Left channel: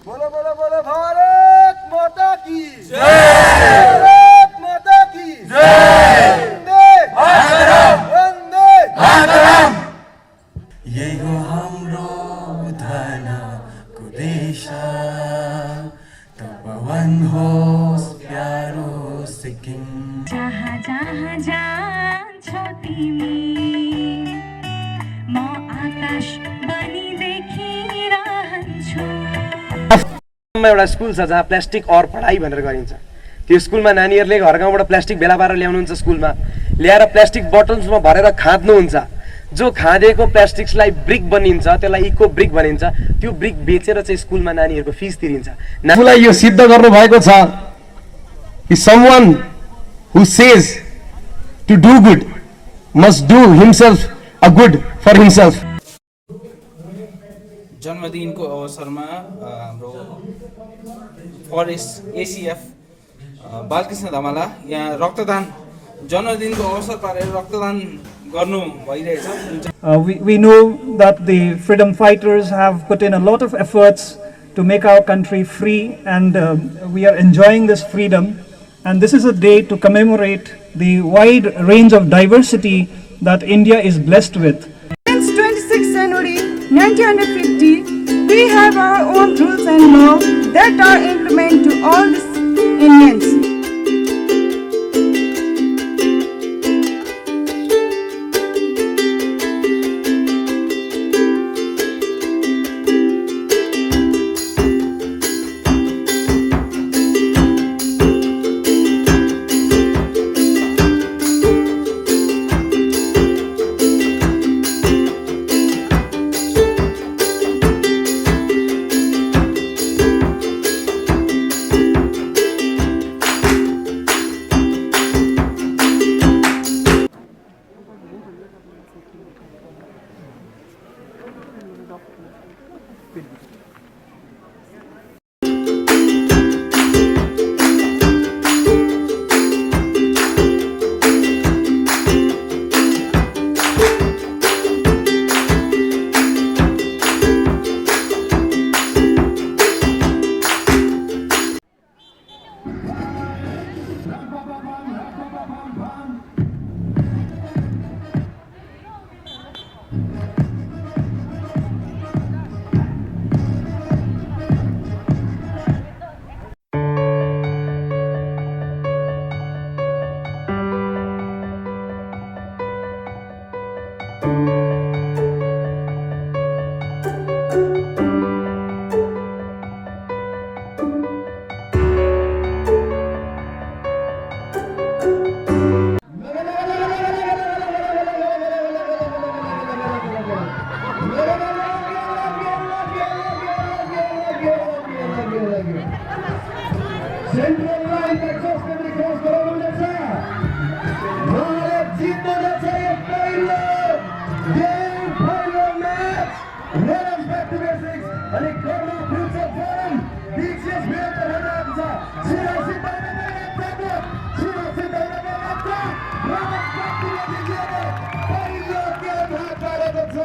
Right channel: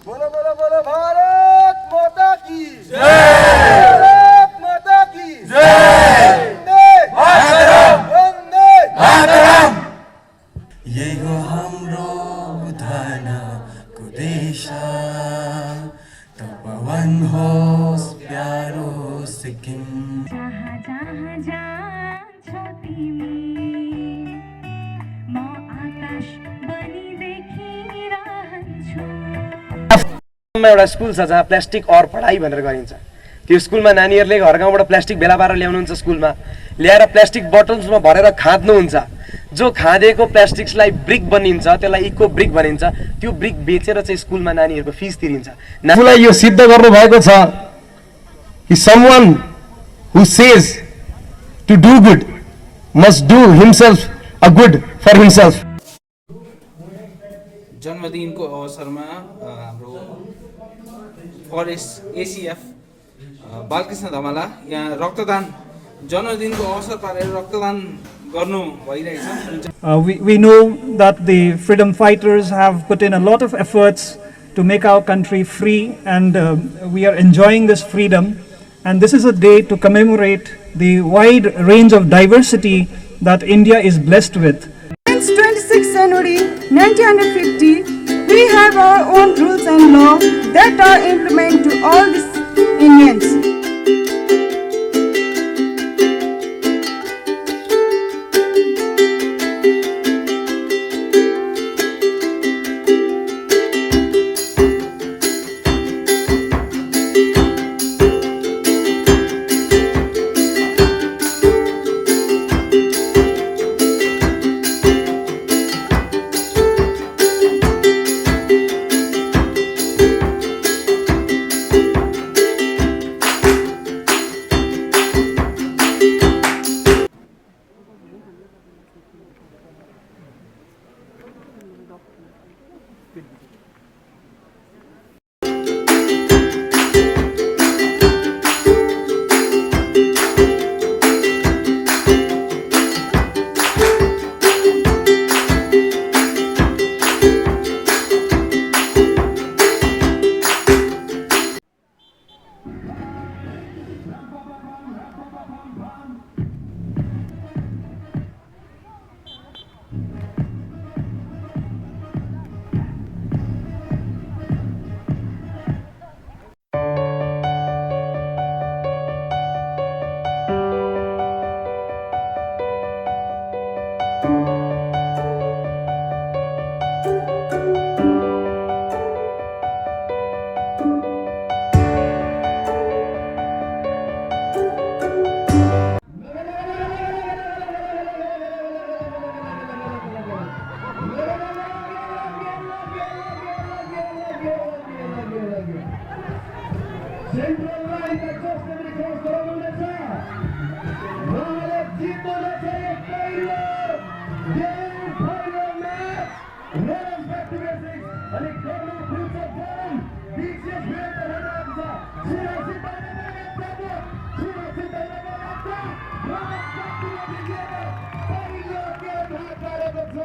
बोलो बोलो बोलो भारत माता की जय। भारत माता की जय। वंदे मातरम वंदे मातरम। यही हो हाम्रो धनको देश तपवन होस् प्यारो सिक्किम। जहाँ जहाँ जान्छौ तिमी म आकाश बनी देखिरहन्छु। एउटा स्कुल छ जहाँ प्लास्टिक और पढाइ भनेर गरिन्छ। त्यो स्कुलमा नानीहरूले घर गाउँबाट प्लास्टिक बेला पारेर ल्याउनुहुन्छ, स्कुलमा ल्याएर प्लास्टिक बोतल्समा भरेर खाद्नुहुन्छ। जो खाँदेको प्लास्टिक्सलाई ब्रिक बनिन्छ, त्यसलाई इको ब्रिक भनिन्छ। त्यो ब्रिक बेचेर चाहिँ स्कुलमा नानीहरूको फिस तिरिन्छ। नानीलाई यो सिद्ध गर्नु भएको छ कि someone who says to do good must do himself a good for himself. जन्मदिनको अवसरमा हाम्रो फरेस्ट एसिएफ बालकृष्ण धमाला यहाँ रक्तदान जन्मदिनको अवसर पारेर रक्तदान गर्नु भइरहेछ। We know that the freedom fighters have put in a lot of efforts to make our country free, and we are enjoying this freedom. And this is a day to commemorate the wide range of diversity that India is blessed with. Since 26 January 1950, we have our own rules and laws that are implemented to all the Indians. Central line Texas Liberty Cross गराउनुहुनेछ। Bharat जित्नुहुनेछ यो पहिलो match. Let us back to basics अनि गर्नु future form डिसिएस विरुद्ध हेरिरहेको छ। छिरासी पहिलो game हात पारेको छ।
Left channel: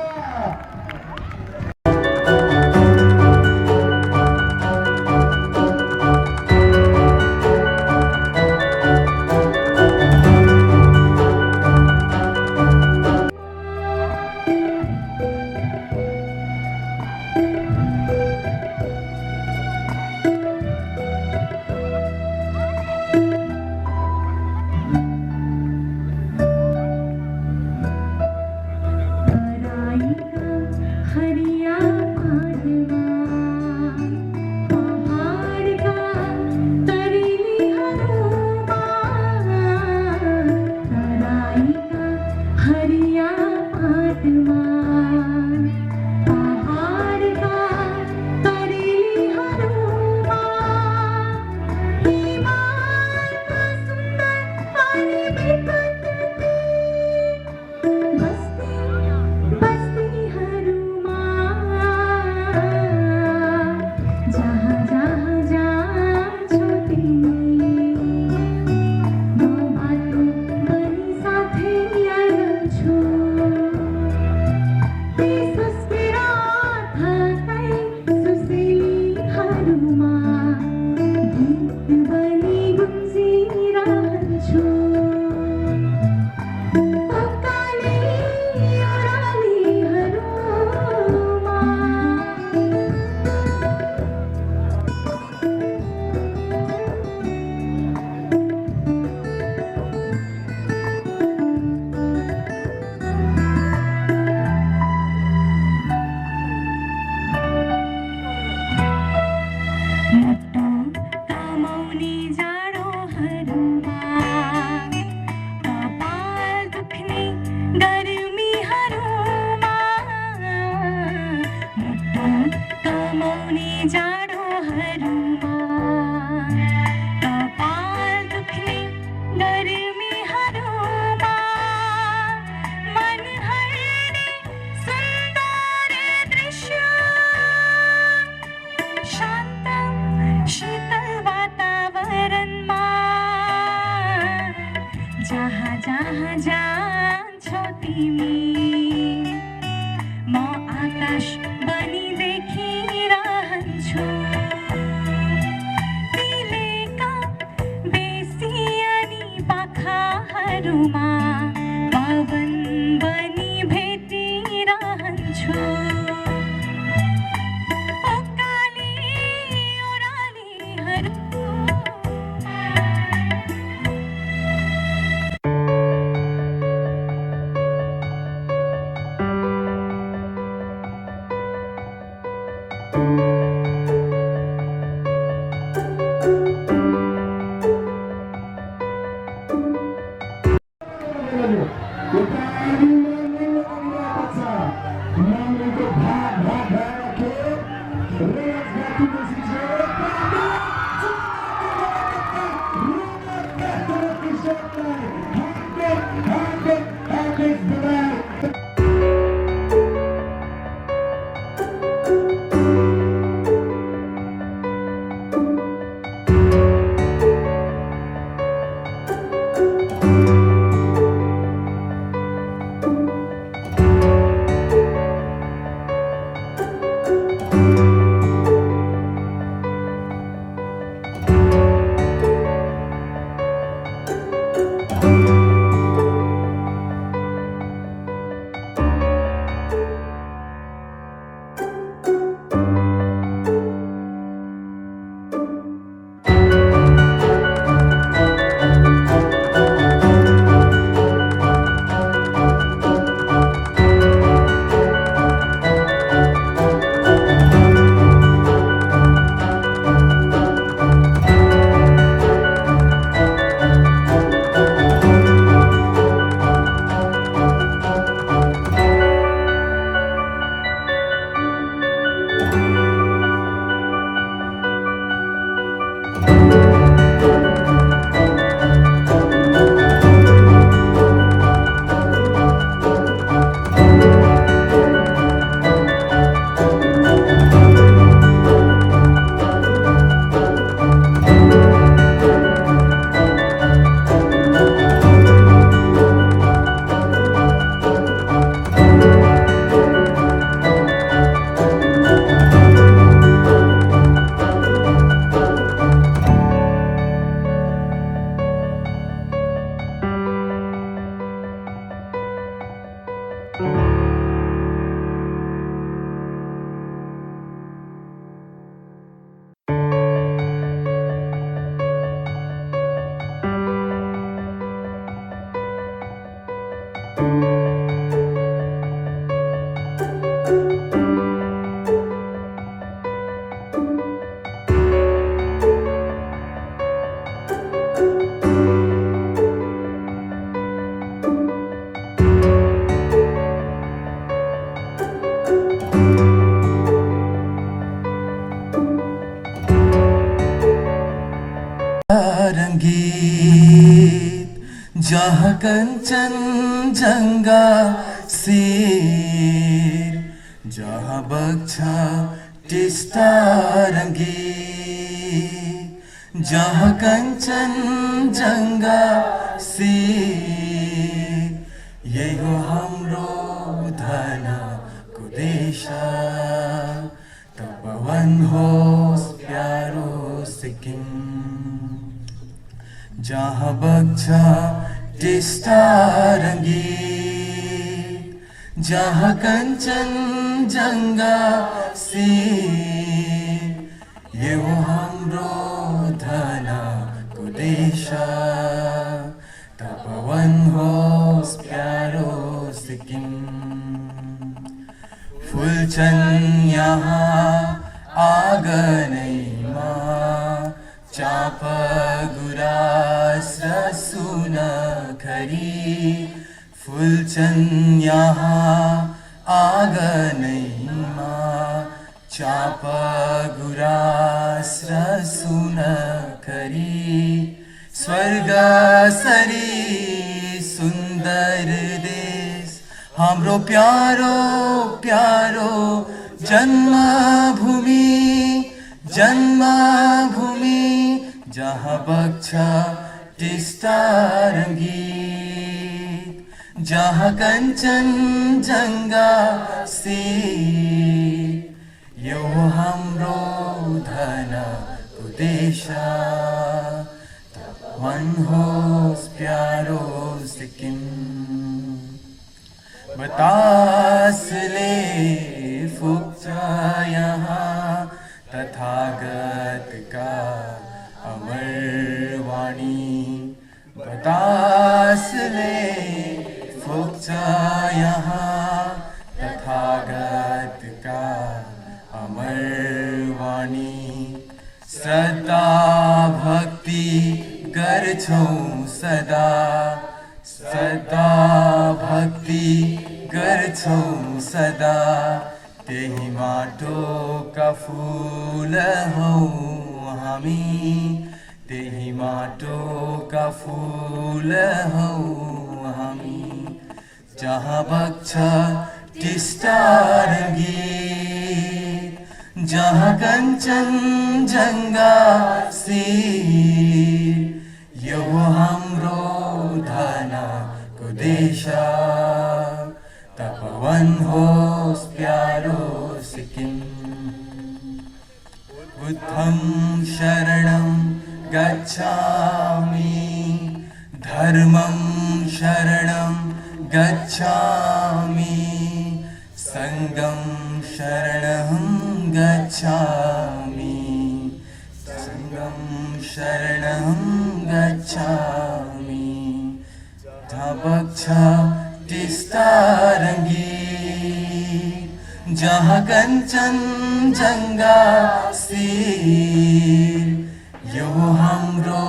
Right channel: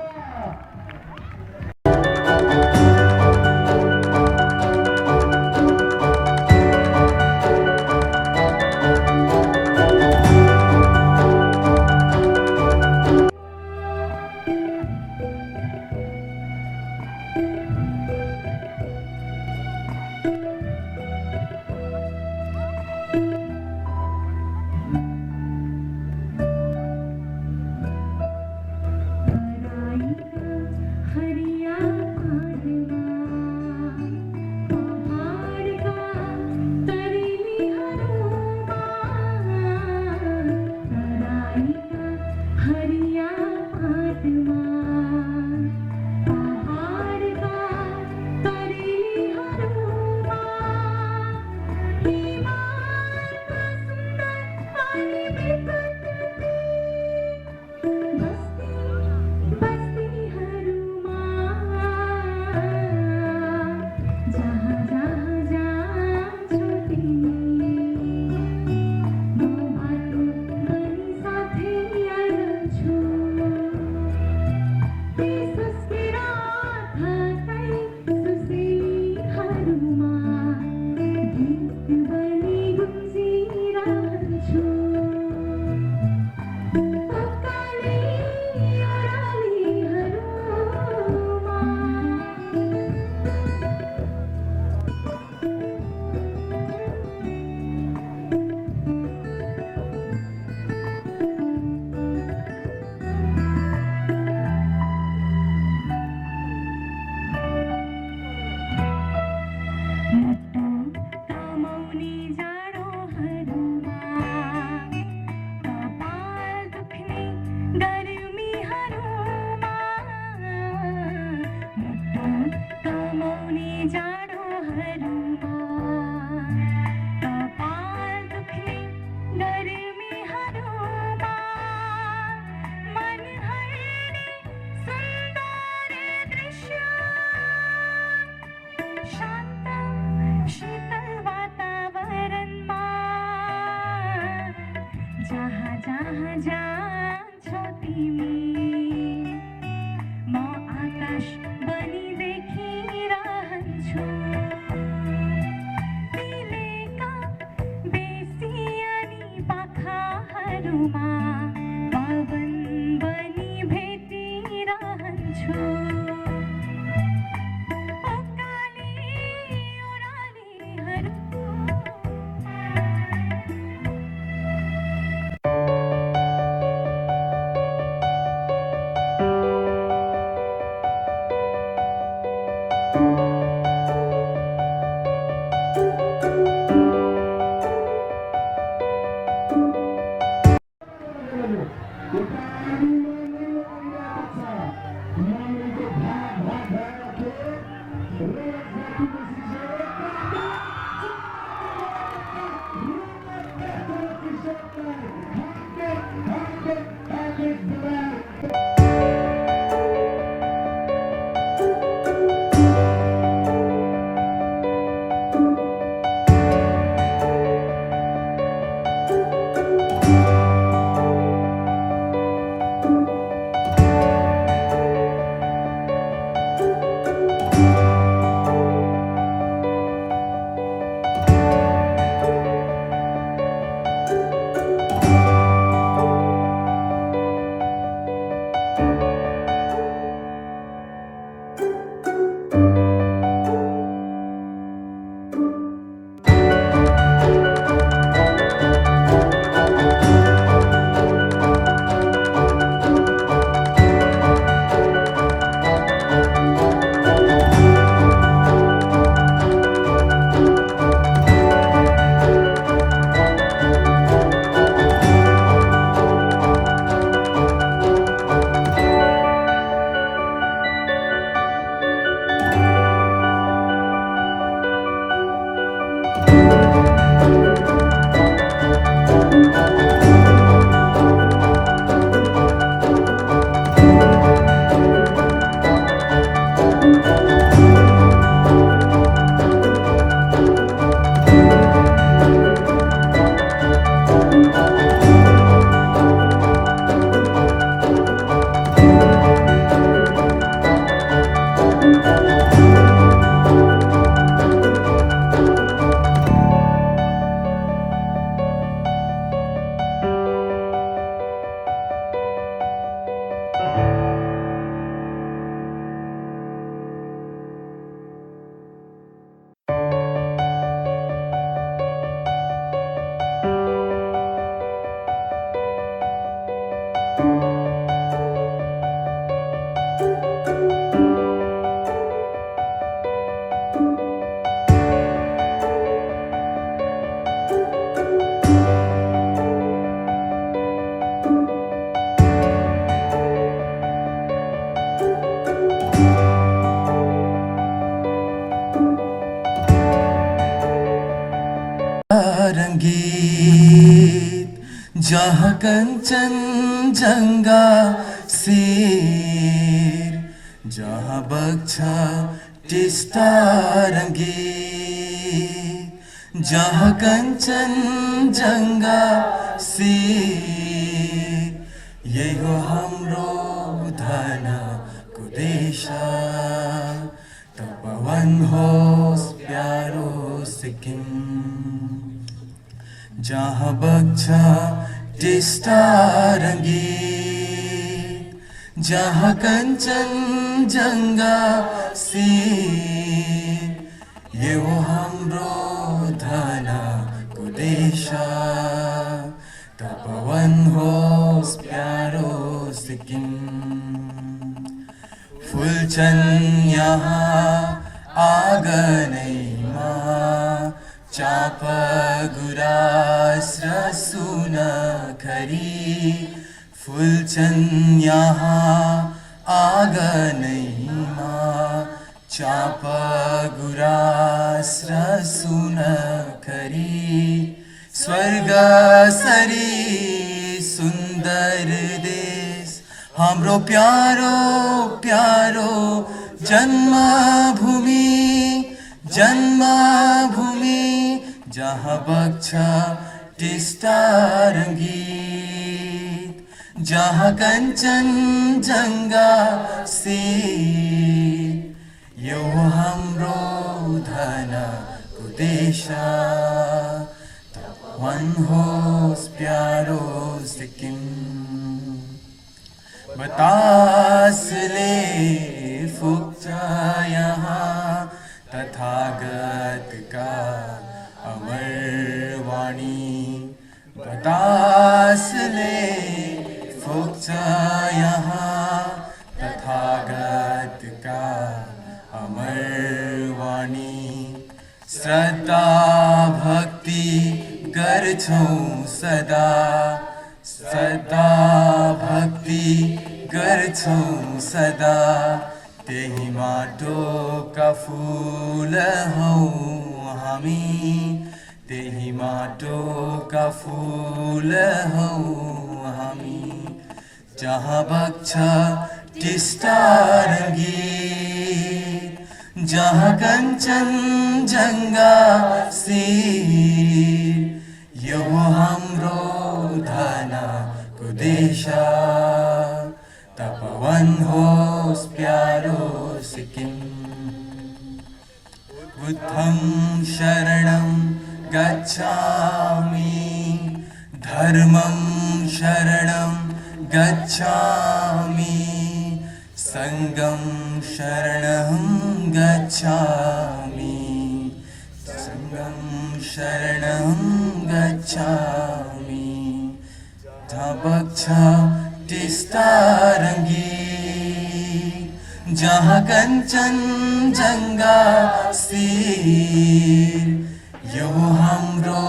बाटाहरूमा कपाल दुख्ने गर्मीहरूमा मन हल्ने सुन्दर दृश्य शान्त शीतल वातावरणमा जहाँ जहाँ जान्छौ तिमी म आकाश बनी देखिरहन्छु तिलेका बेसी अनि पाखाहरूमा पवन बनी भेटिरहन्छु उकाली ओह्रालीहरू रंगीत जहाँ कंचनजंगा सिर जहाँ बग्छ टिस्टा रंगीत जहाँ कंचनजंगा सिर यही हो हाम्रो धनको देश तपवन होस् प्यारो सिक्किम जहाँ बग्छ टिस्टा रंगीत जहाँ कंचनजंगा सिर ये हो हाम्रो धनको देश तपवन होस् प्यारो सिक्किम फुल्छन् यहाँ आँगनैमा चाप गुराँस र सुनखरी फुल्छन् यहाँ आँगनैमा चाप गुराँस र सुन करी स्वर्ग सरी सुन्दर देश हाम्रो प्यारो प्यारो जन्मभूमि जन्मभूमि जहाँ बग्छ टिस्टा रङ्गीत जहाँ कञ्चनजङ्घा शीत यो हाम्रो धनको देश मनहोस् प्यारो सिक्किम बतासले फुक्छ यहाँ तथागतका अमर वाणी बतासले फुक्छ यहाँ तथागतका अमर वाणी श्रद्धा भक्ति गर्छौं सदा श्रद्धा भक्ति गर्छौं सदा त्यही माटोका फूल हौं हामी त्यही माटोका फूल हौं हामी जहाँ बग्छ टिस्टा रङ्गीत जहाँ कञ्चनजङ्घा शीत यो हाम्रो धनको देश तपोवन होस् प्यारो सिक्किम बुद्धं शरणं गच्छामि धर्मं शरणं गच्छामि संघं शरणं गच्छामि संघं शरणं गच्छामि बग्छ टिस्टा रङ्गीत जहाँ कञ्चनजङ्घा शीत यो हाम्रो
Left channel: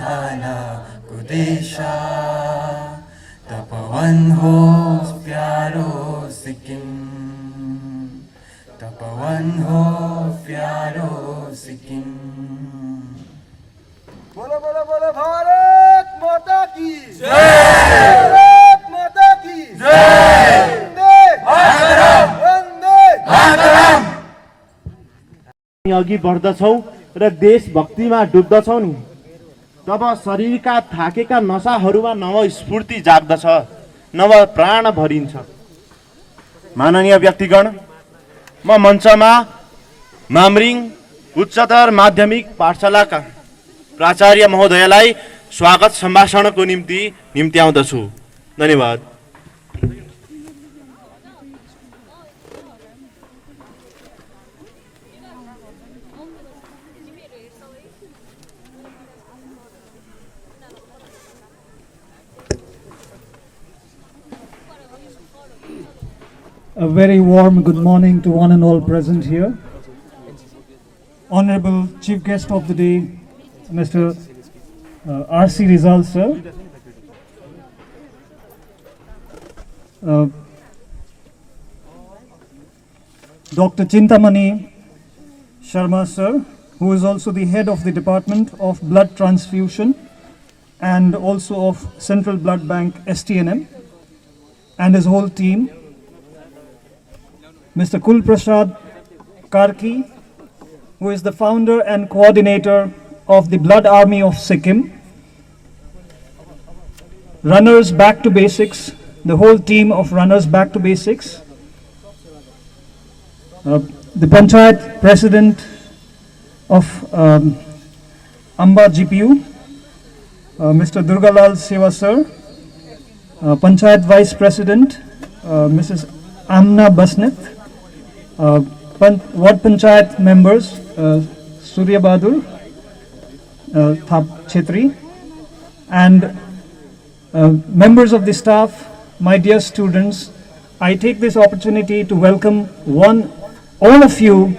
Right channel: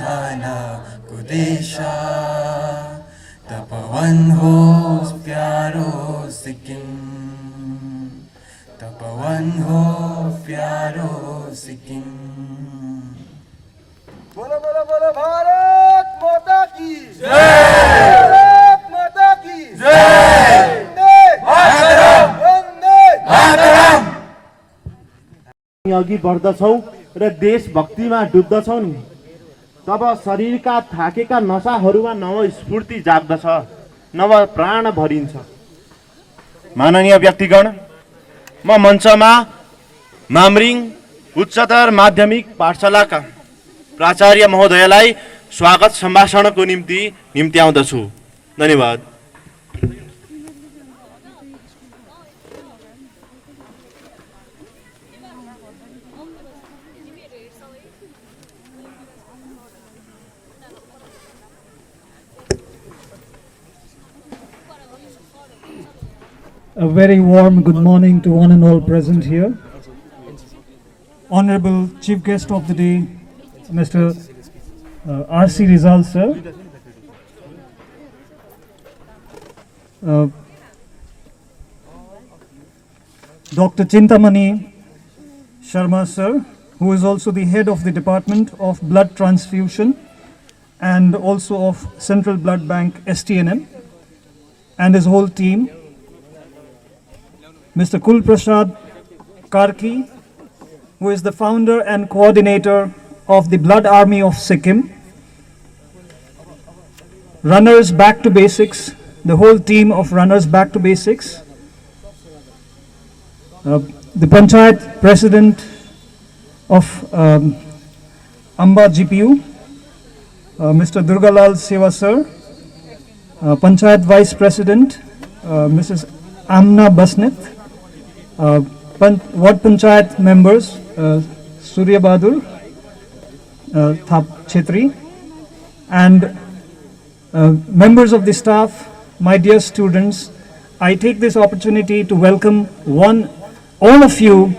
धनको देश तपोवन होस् प्यारो सिक्किम तपोवन हो प्यारो सिक्किम बोलो बोलो बोलो भारत माता की भारत माता की वन्दे वन्दे अघि बढ्दछौँ र देशभक्तिमा डुब्दछौँ नि तब शरीरका थाकेका नसाहरूमा नव स्फूर्ति जाग्दछ नव प्राण भरिन्छ। माननीय व्यक्तिगण, म मञ्चमा मामरिङ उच्चतर माध्यमिक पाठशालाका प्राचार्य महोदयलाई स्वागत सम्भाषणको निम्ति निम्त्याउँदछु। धन्यवाद। A very warm good morning to one and all present here. Honorable Chief Guest of the day, Mr. R.C. Rizal sir. Dr. Chintamani Sharma sir, who is also the head of the Department of Blood Transfusion and also of Central Blood Bank STNM, and his whole team. Mr. Kul Prasad Karki, who is the founder and coordinator of the Blood Army of Sikkim. Runners Back to Basics, the whole team of Runners Back to Basics. The Panchayat President of Amba GPU, Mr. Durgalal Seva sir. Panchayat Vice President, Mrs. Amna Basnet. Ward Panchayat members, Surya Bahadur, Thap Chetri, and members of the staff, my dear students, I take this opportunity to welcome all of you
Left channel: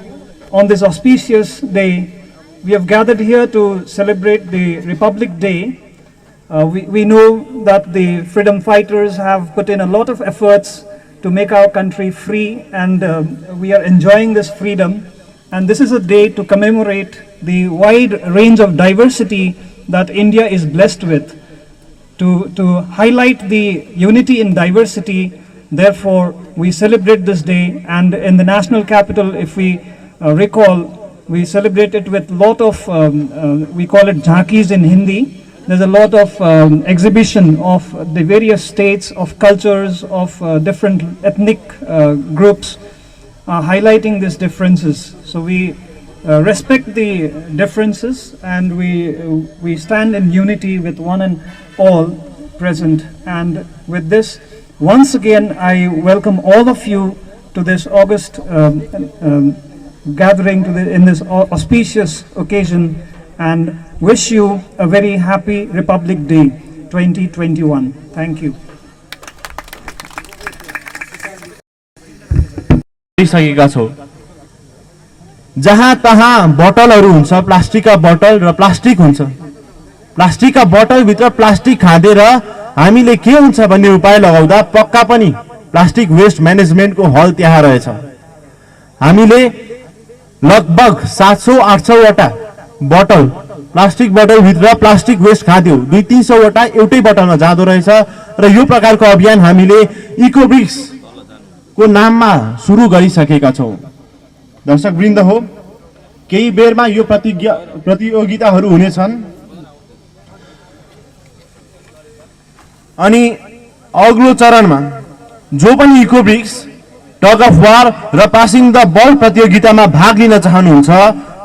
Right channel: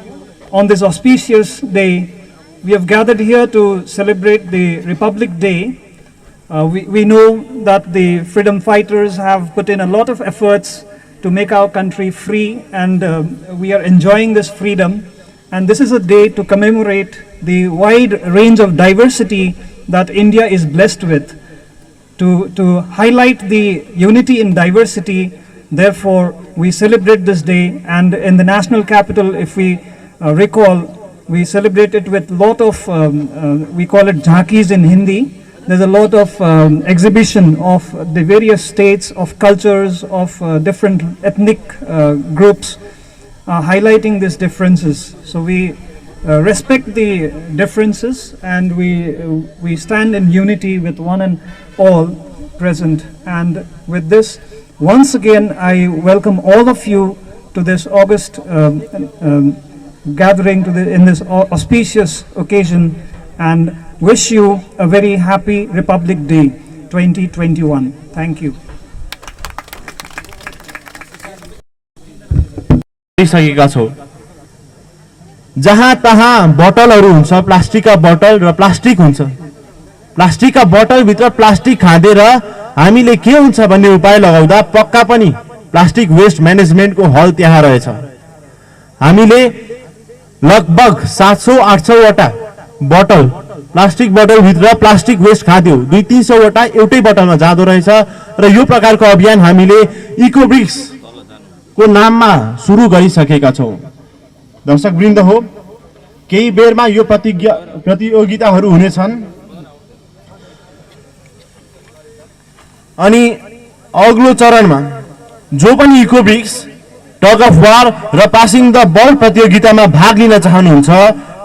on this auspicious day. We have gathered here to celebrate the Republic Day. We know that the freedom fighters have put in a lot of efforts to make our country free, and we are enjoying this freedom. And this is a day to commemorate the wide range of diversity that India is blessed with, to highlight the unity in diversity. Therefore, we celebrate this day, and in the national capital, if we recall, we celebrate it with lot of, we call it jhankis in Hindi. There's a lot of exhibition of the various states, of cultures, of different ethnic groups, highlighting these differences. So we respect the differences, and we stand in unity with one and all present. And with this, once again, I welcome all of you to this August gathering, in this auspicious occasion, and wish you a very happy Republic Day 2021. Thank you. सकेका छौँ जहाँ तहाँ बोतलहरू हुन्छ, प्लास्टिकका बोतल र plastic हुन्छ। प्लास्टिकका बोतलभित्र plastic खाँदेर हामीले के हुन्छ भन्ने उपाय लगाउँदा पक्का पनि प्लास्टिक वेस्ट म्यानेजमेन्टको हल त्यहाँ रहेछ। हामीले लगभग 700-800 वटा बोतल, प्लास्टिक बोतलभित्र प्लास्टिक वेस्ट खाँद्यौँ। 200-300 वटा एउटै बोतलमा जाँदो रहेछ। र यो प्रकारको अभियान हामीले इकोब्रिक्स को नाममा सुरु गरिसकेका छौँ। दर्शकवृन्द हो, केही बेरमा यो प्रतियोगिताहरू हुनेछन्, अनि अग्लो चरणमा जो पनि इकोब्रिक्स, टग अफ वार र पासिङ द बल प्रतियोगितामा भाग लिन चाहनुहुन्छ,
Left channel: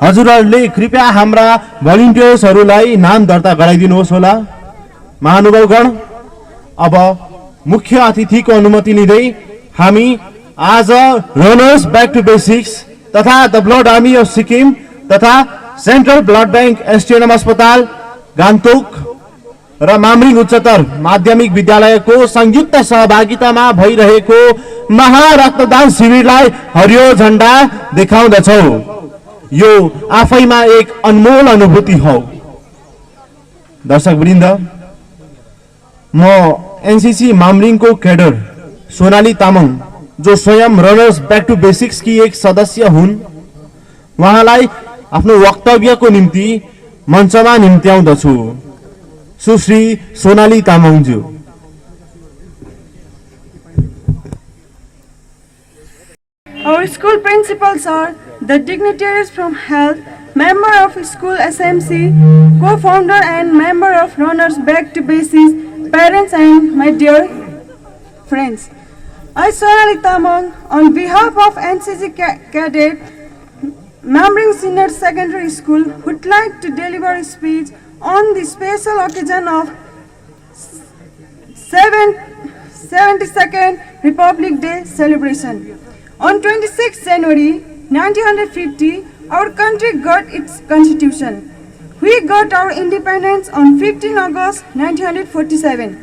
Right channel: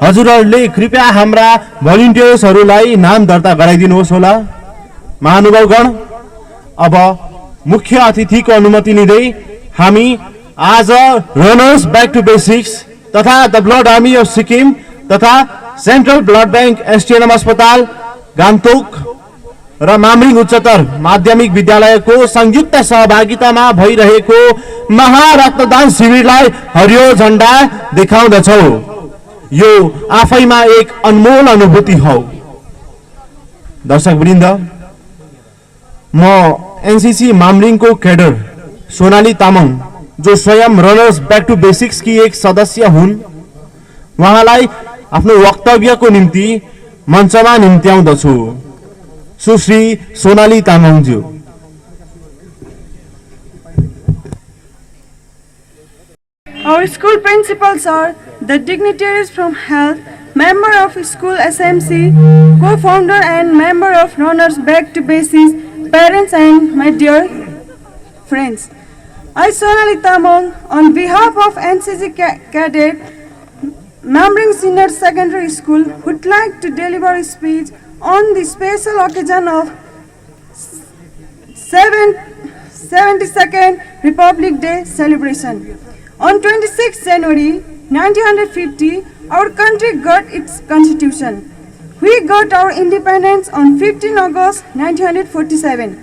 हजुरहरूले कृपया हाम्रा भलिन्टियर्सहरूलाई नाम दर्ता गराइदिनुहोस् होला। महानुभावगण, अब मुख्य अतिथिको अनुमति लिँदै हामी आज रनर्स ब्याक टु बेसिक्स तथा the blood army of Sikkim तथा सेन्ट्रल ब्लड ब्याङ्क एसटिएनएम अस्पताल गान्तोक र मामरिङ उच्चतर माध्यमिक विद्यालयको संयुक्त सहभागितामा भइरहेको महारक्तदान शिविरलाई हरियो झण्डा देखाउँदछौँ। यो आफैमा एक अनमोल अनुभूति हो। दर्शकवृन्द, म एनसीसी मामरिङको क्याडर सोनाली तामाङ, जो स्वयं रनर्स ब्याक टु बेसिक्स की एक सदस्य हुन्, उहाँलाई आफ्नो वक्तव्यको निम्ति मञ्चमा निम्त्याउँदछु। सुश्री Sonali तामाङज्यू। Our school principals are the dignitaries from health, member of school SMC, co-founder and member of Runners Back to Basics, parents and my dear friends. I, Sonali Tamang, on behalf of NCC Cadet, Mamring Senior Secondary School, would like to deliver a speech on the special occasion of 72nd Republic Day celebration. On 26 January 1950, our country got its constitution. We got our independence on 15 August 1947.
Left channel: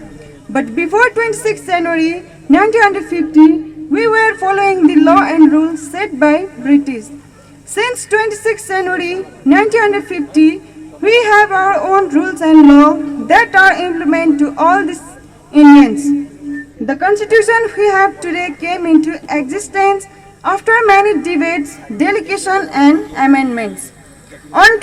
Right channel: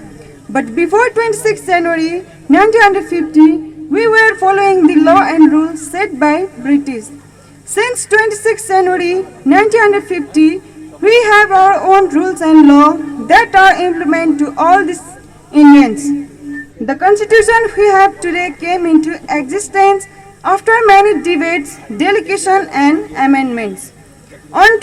But before 26 January 1950, we were following the law and rules set by British. Since 26 January 1950, we have our own rules and law that are implemented to all these Indians. The constitution we have today came into existence after many debates, delegation and amendments. On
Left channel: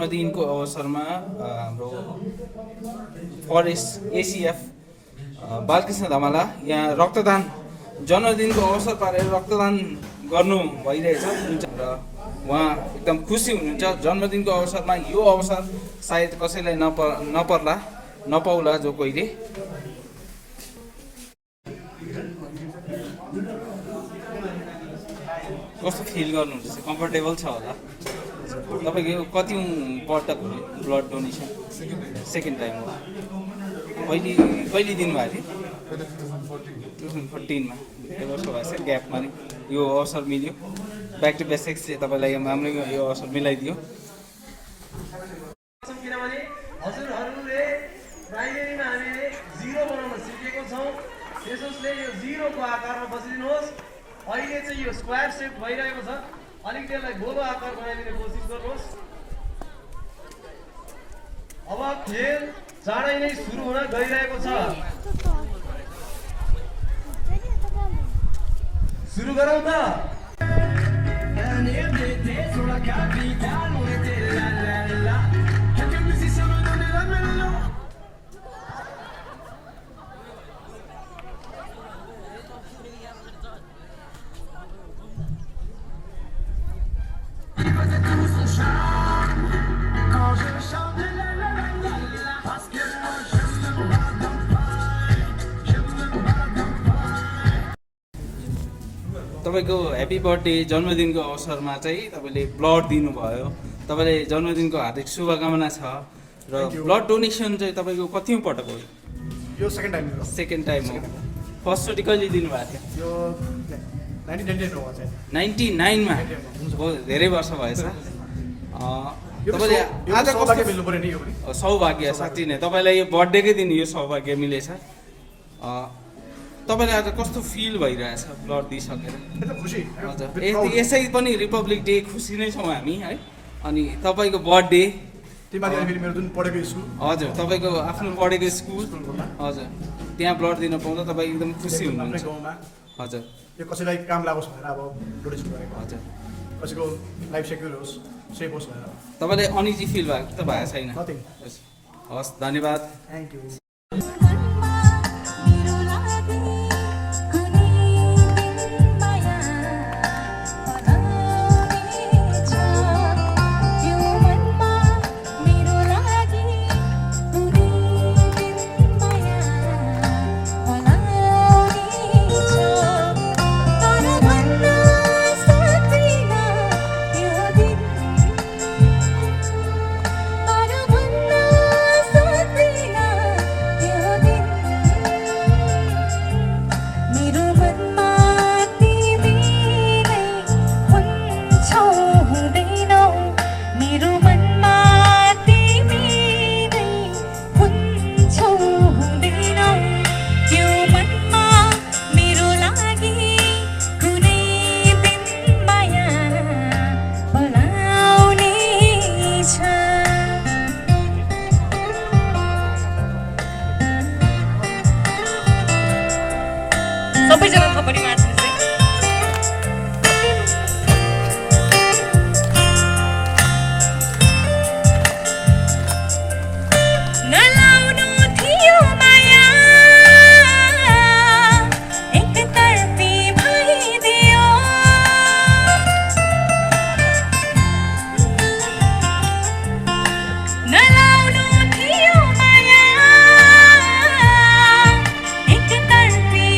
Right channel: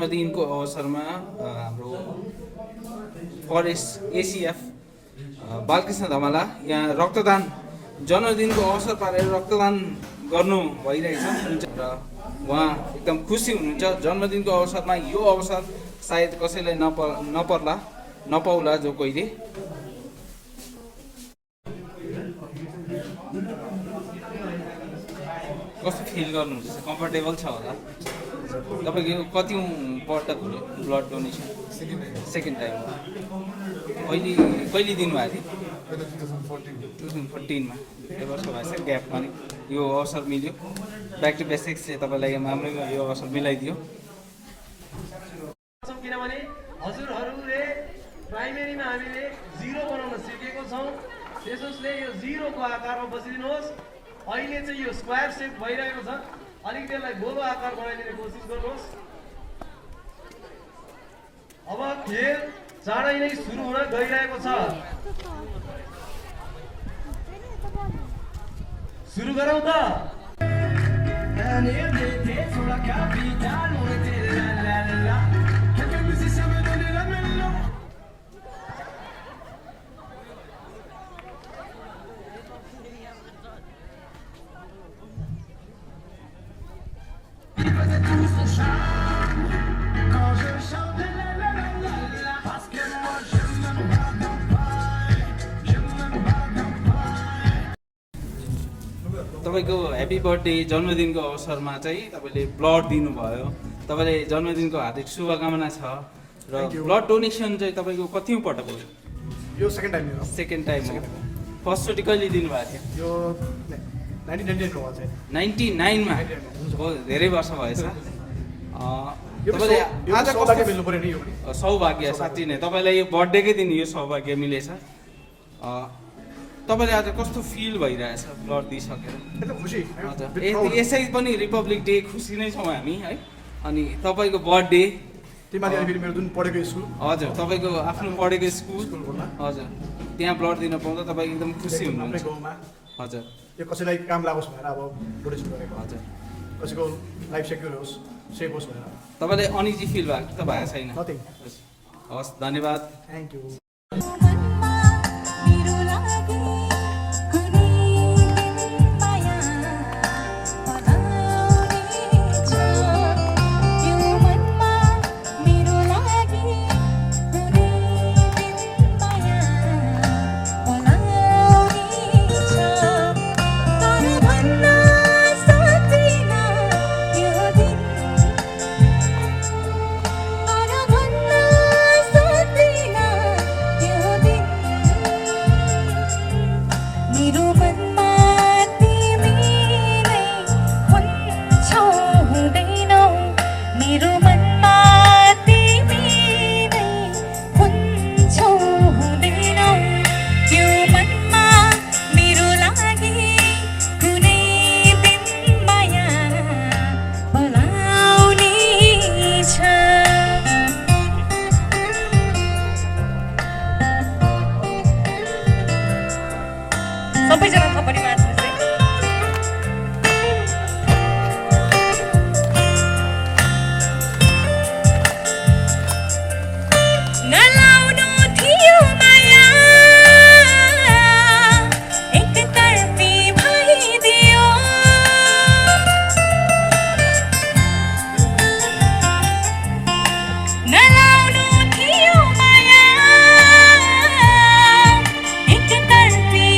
जन्मदिनको अवसरमा हाम्रो forest एसिएफ Balkrishna धमाला यहाँ रक्तदान जन्मदिनको अवसर पारेर रक्तदान गर्नु भइरहेछ र उहाँ एकदम खुसी हुनुहुन्छ। जन्मदिनको अवसरमा यो अवसर सायद कसैलाई नपाउला जो कोहीले। कस्तो फिल गर्नुहुन्छ? कम्फर्टेबल छ होला? तपाईँको कति पल्ट ब्लड डोनेसन? सेकेन्ड टाइम हो। कहिले दिनुभएको थियो? 2014 मा। धेरै वर्ष भएछ ग्यापमा यो अवसर मिल्यो। ब्याक टु बेसिक्स चाहिँ तपाईँलाई हाम्रो यो अवसर मिलाइदियो। किनभने हजुरहरूले प्राइमेरीमा हामीले 0 बनाउन सिकेको छौँ। त्यसोस्ले यो 0 को आकारमा बसिदिनुहोस्। अहिले चाहिँ यो स्क्वायर सेप भइरहेको छ, अलिकति यसलाई गोलो आकार बनाइदिने कोसिस गर्नुहोस्। अब खेल चाँडै नै सुरु हुन गइरहेको छ। सुरु गरौँ त। तपाईँको ह्याप्पी बर्थडे जन्मदिनको अवसरमा चाहिँ तपाईँले ब्लड दिनुभयो। तपाईँले जन्मदिनको हार्दिक शुभकामना छ र ब्लड डोनेसन चाहिँ तपाईँको कति पटक हो? यो सेकेन्ड टाइम हो। सेकेन्ड टाइम हो। फर्स्टचोटि कहिले दिनुभएको थियो? यो 1999 हो चाहिँ 99 मा। धेरै वर्ष भएछ। तपाईँले आज सौभाग्य मिल्नु पर्यो नि यो पनि। सौभाग्य साँच्चै नै तपाईँलाई यो बर्थडेकै दिन यो सौभाग्य मिलेछ। तपाईँले आज कस्तो फिल भइरहेछ ब्लड दिइसकेर? खुसी। हजुर यसै पनि रिपब्लिक डे खुसी नै छौँ हामी है। अनि तपाईँको बर्थडे तिमीले मेरो जुन पढेको स्कुल, हजुर तपाईँको आफ्नो पढेको स्कुल, हजुर त्यहाँ ब्लड दिन पाउँदा तपाईँ एकदम खुसी हुनुहुन्छ। हजुर यो कसैलाई काम लागोस् भनेर अब डोनेसन गरेको। हजुर कसैको लाइफ सेक्युर होस्, सेफ होस् भनेर। तपाईँले अनिजी फिल भएको त भएको छैन? नथिङ। हस् धन्यवाद। Thank you. सबैजना थपडी नाच्नु चाहिँ नलाउनु थियो माया एकतर्फी भइदियो नलाउनु थियो माया एकतर्फी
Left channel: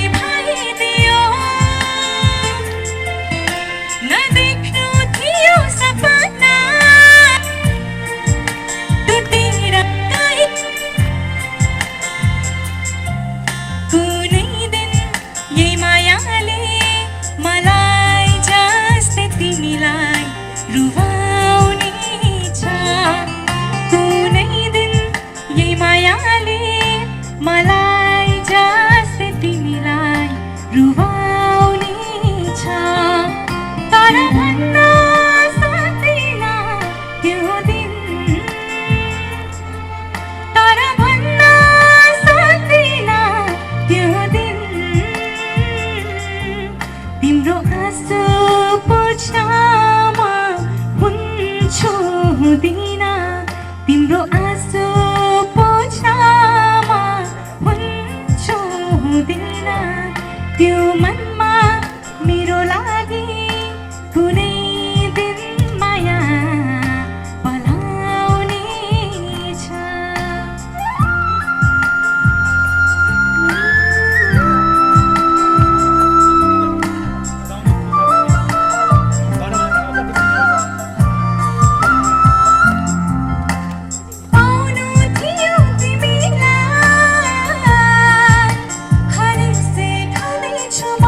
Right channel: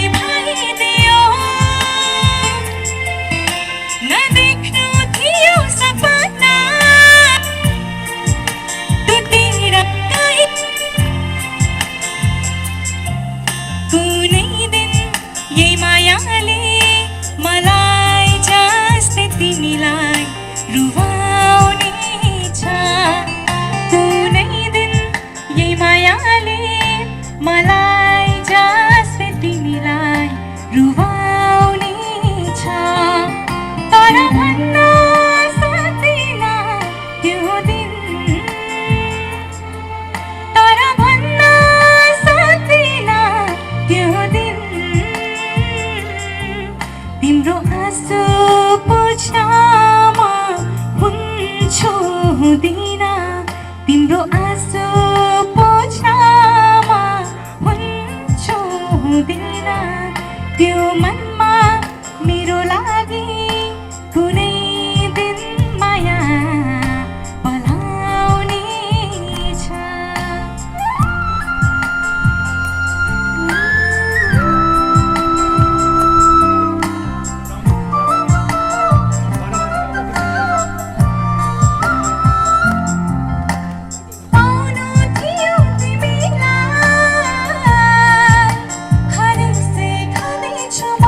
नदेख्नु थियो सपना टुटेर गए कुनै दिन यही मायाले मलाई जस्तै तिमीलाई रुवाउने छ कुनै दिन यही मायाले मलाई जस्तै तिमीलाई रुवाउने छ तर भन्न सक्दिन त्यो दिन तर भन्न सक्दिन त्यो दिन तिम्रो हाँसो पुछ्नमा हुन्छु हुँदिन तिम्रो आँसु पोछामा हुन्छु हुँदैन त्यो मनमा मेरो लागि कुनै दिन माया पलाउने छ आउनु थियो तिमीलाई हरेक से ठानेछु म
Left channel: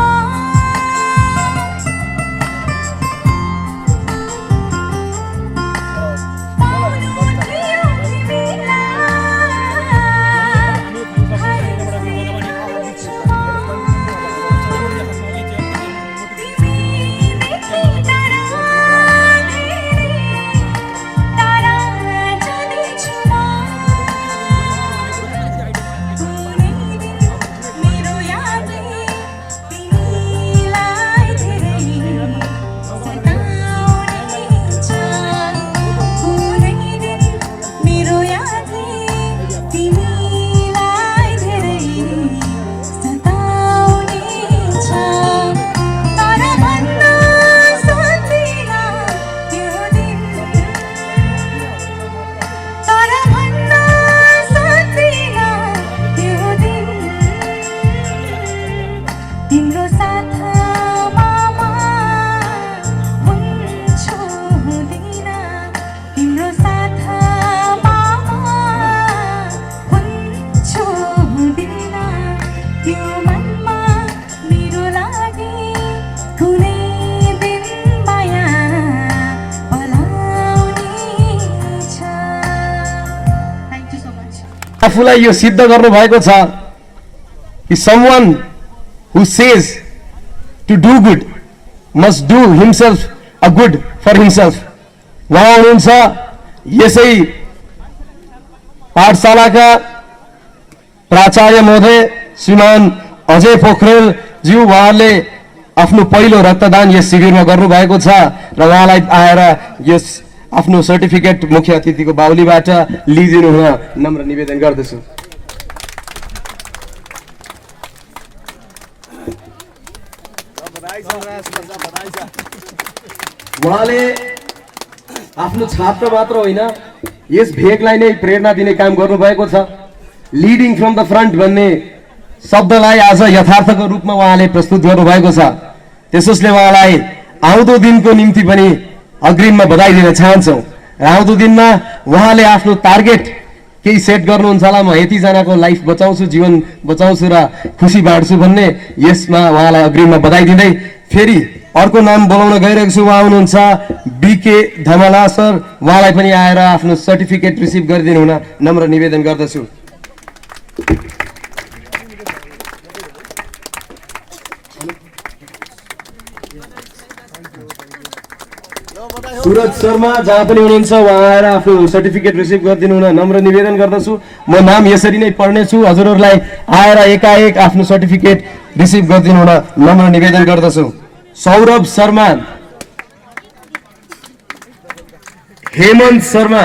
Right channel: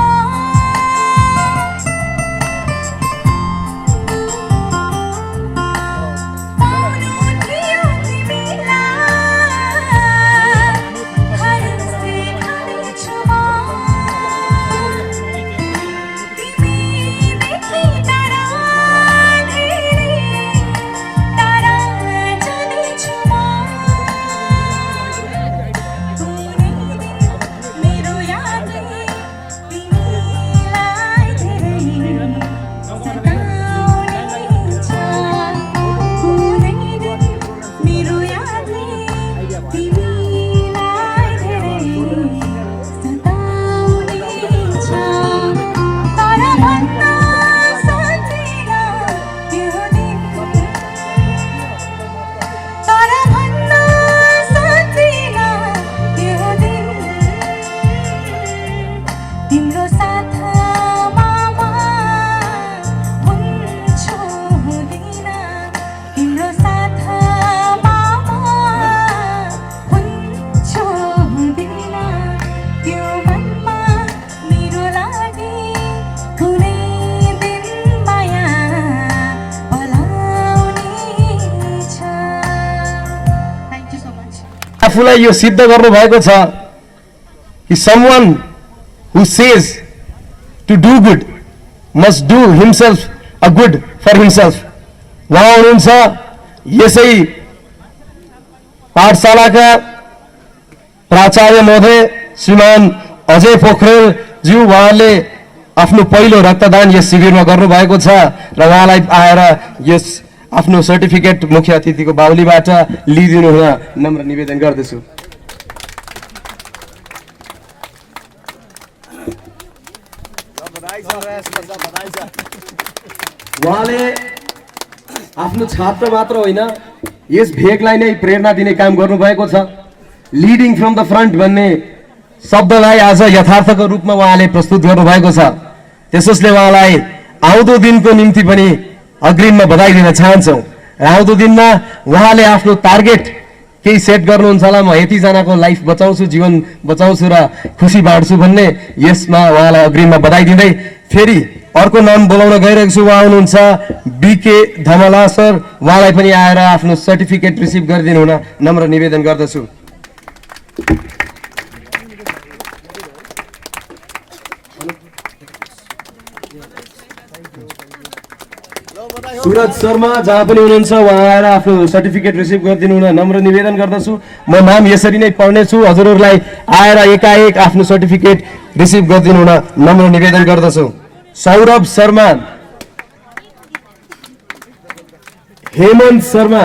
तिम्रो साथमा हुन्छु हुँदैन तिम्रो साथमा हुन्छु हुँदैन त्यो मनमा मेरो लागि कुनै दिन माया पलाउने छ थ्याङ्क यू सो मच आफूलाई यो सिद्ध गर्नु भएको छ कि someone who says to do good must do himself a good for himself. उहाँ हुनुहुन्छ यसै पाठशालाका प्राचार्य महोदय श्रीमान अजय पोखरेल ज्यू। उहाँले आफ्नो पहिलो रक्तदान यस शिविरमा गर्नुभएको छ र उहाँलाई आएर यस आफ्नो सर्टिफिकेट मुख्य अतिथिको बाहुलीबाट लिइदिनु हुन नम्र निवेदन गर्दछु। उहाँले आफ्नो छात्र मात्र होइन यस भेगलाई नै प्रेरणा दिने काम गर्नुभएको छ। लिडिङ फ्रम द फ्रन्ट भन्ने शब्दलाई आज यथार्थको रूपमा उहाँले प्रस्तुत गर्नुभएको छ। त्यसोस्ले उहाँलाई आउँदो दिनको निम्ति पनि अग्रिममा बधाई दिन चाहन्छौँ। र आउँदो दिनमा उहाँले आफ्नो टार्गेट केही सेट गर्नुहुन्छ होला, म यतिजनाको लाइफ बचाउँछु, जीवन बचाउँछु र खुसी बाँड्छु भन्ने, यसमा उहाँलाई अग्रिममा बधाई दिँदै फेरि अर्को नाम बोलाउन गइरहेको छु। उहाँ हुनुहुन्छ बीके धमला सर। उहाँलाई पनि आएर आफ्नो सर्टिफिकेट रिसिभ गरिदिनु हुन नम्र निवेदन गर्दछु। सुरज शर्मा जहाँ पनि हुनुहुन्छ उहाँ आएर आफ्नो सर्टिफिकेट रिसिभ गरिदिनु हुन नम्र निवेदन गर्दछु। म नाम यसरी नै पढ्नेछु, हजुरहरूलाई आएर एकाएक आफ्नो सर्टिफिकेट रिसिभ गरिदिनु हुन नम्र निवेदन गर्दछु। सौरभ शर्मा, हेमन्त शर्मा,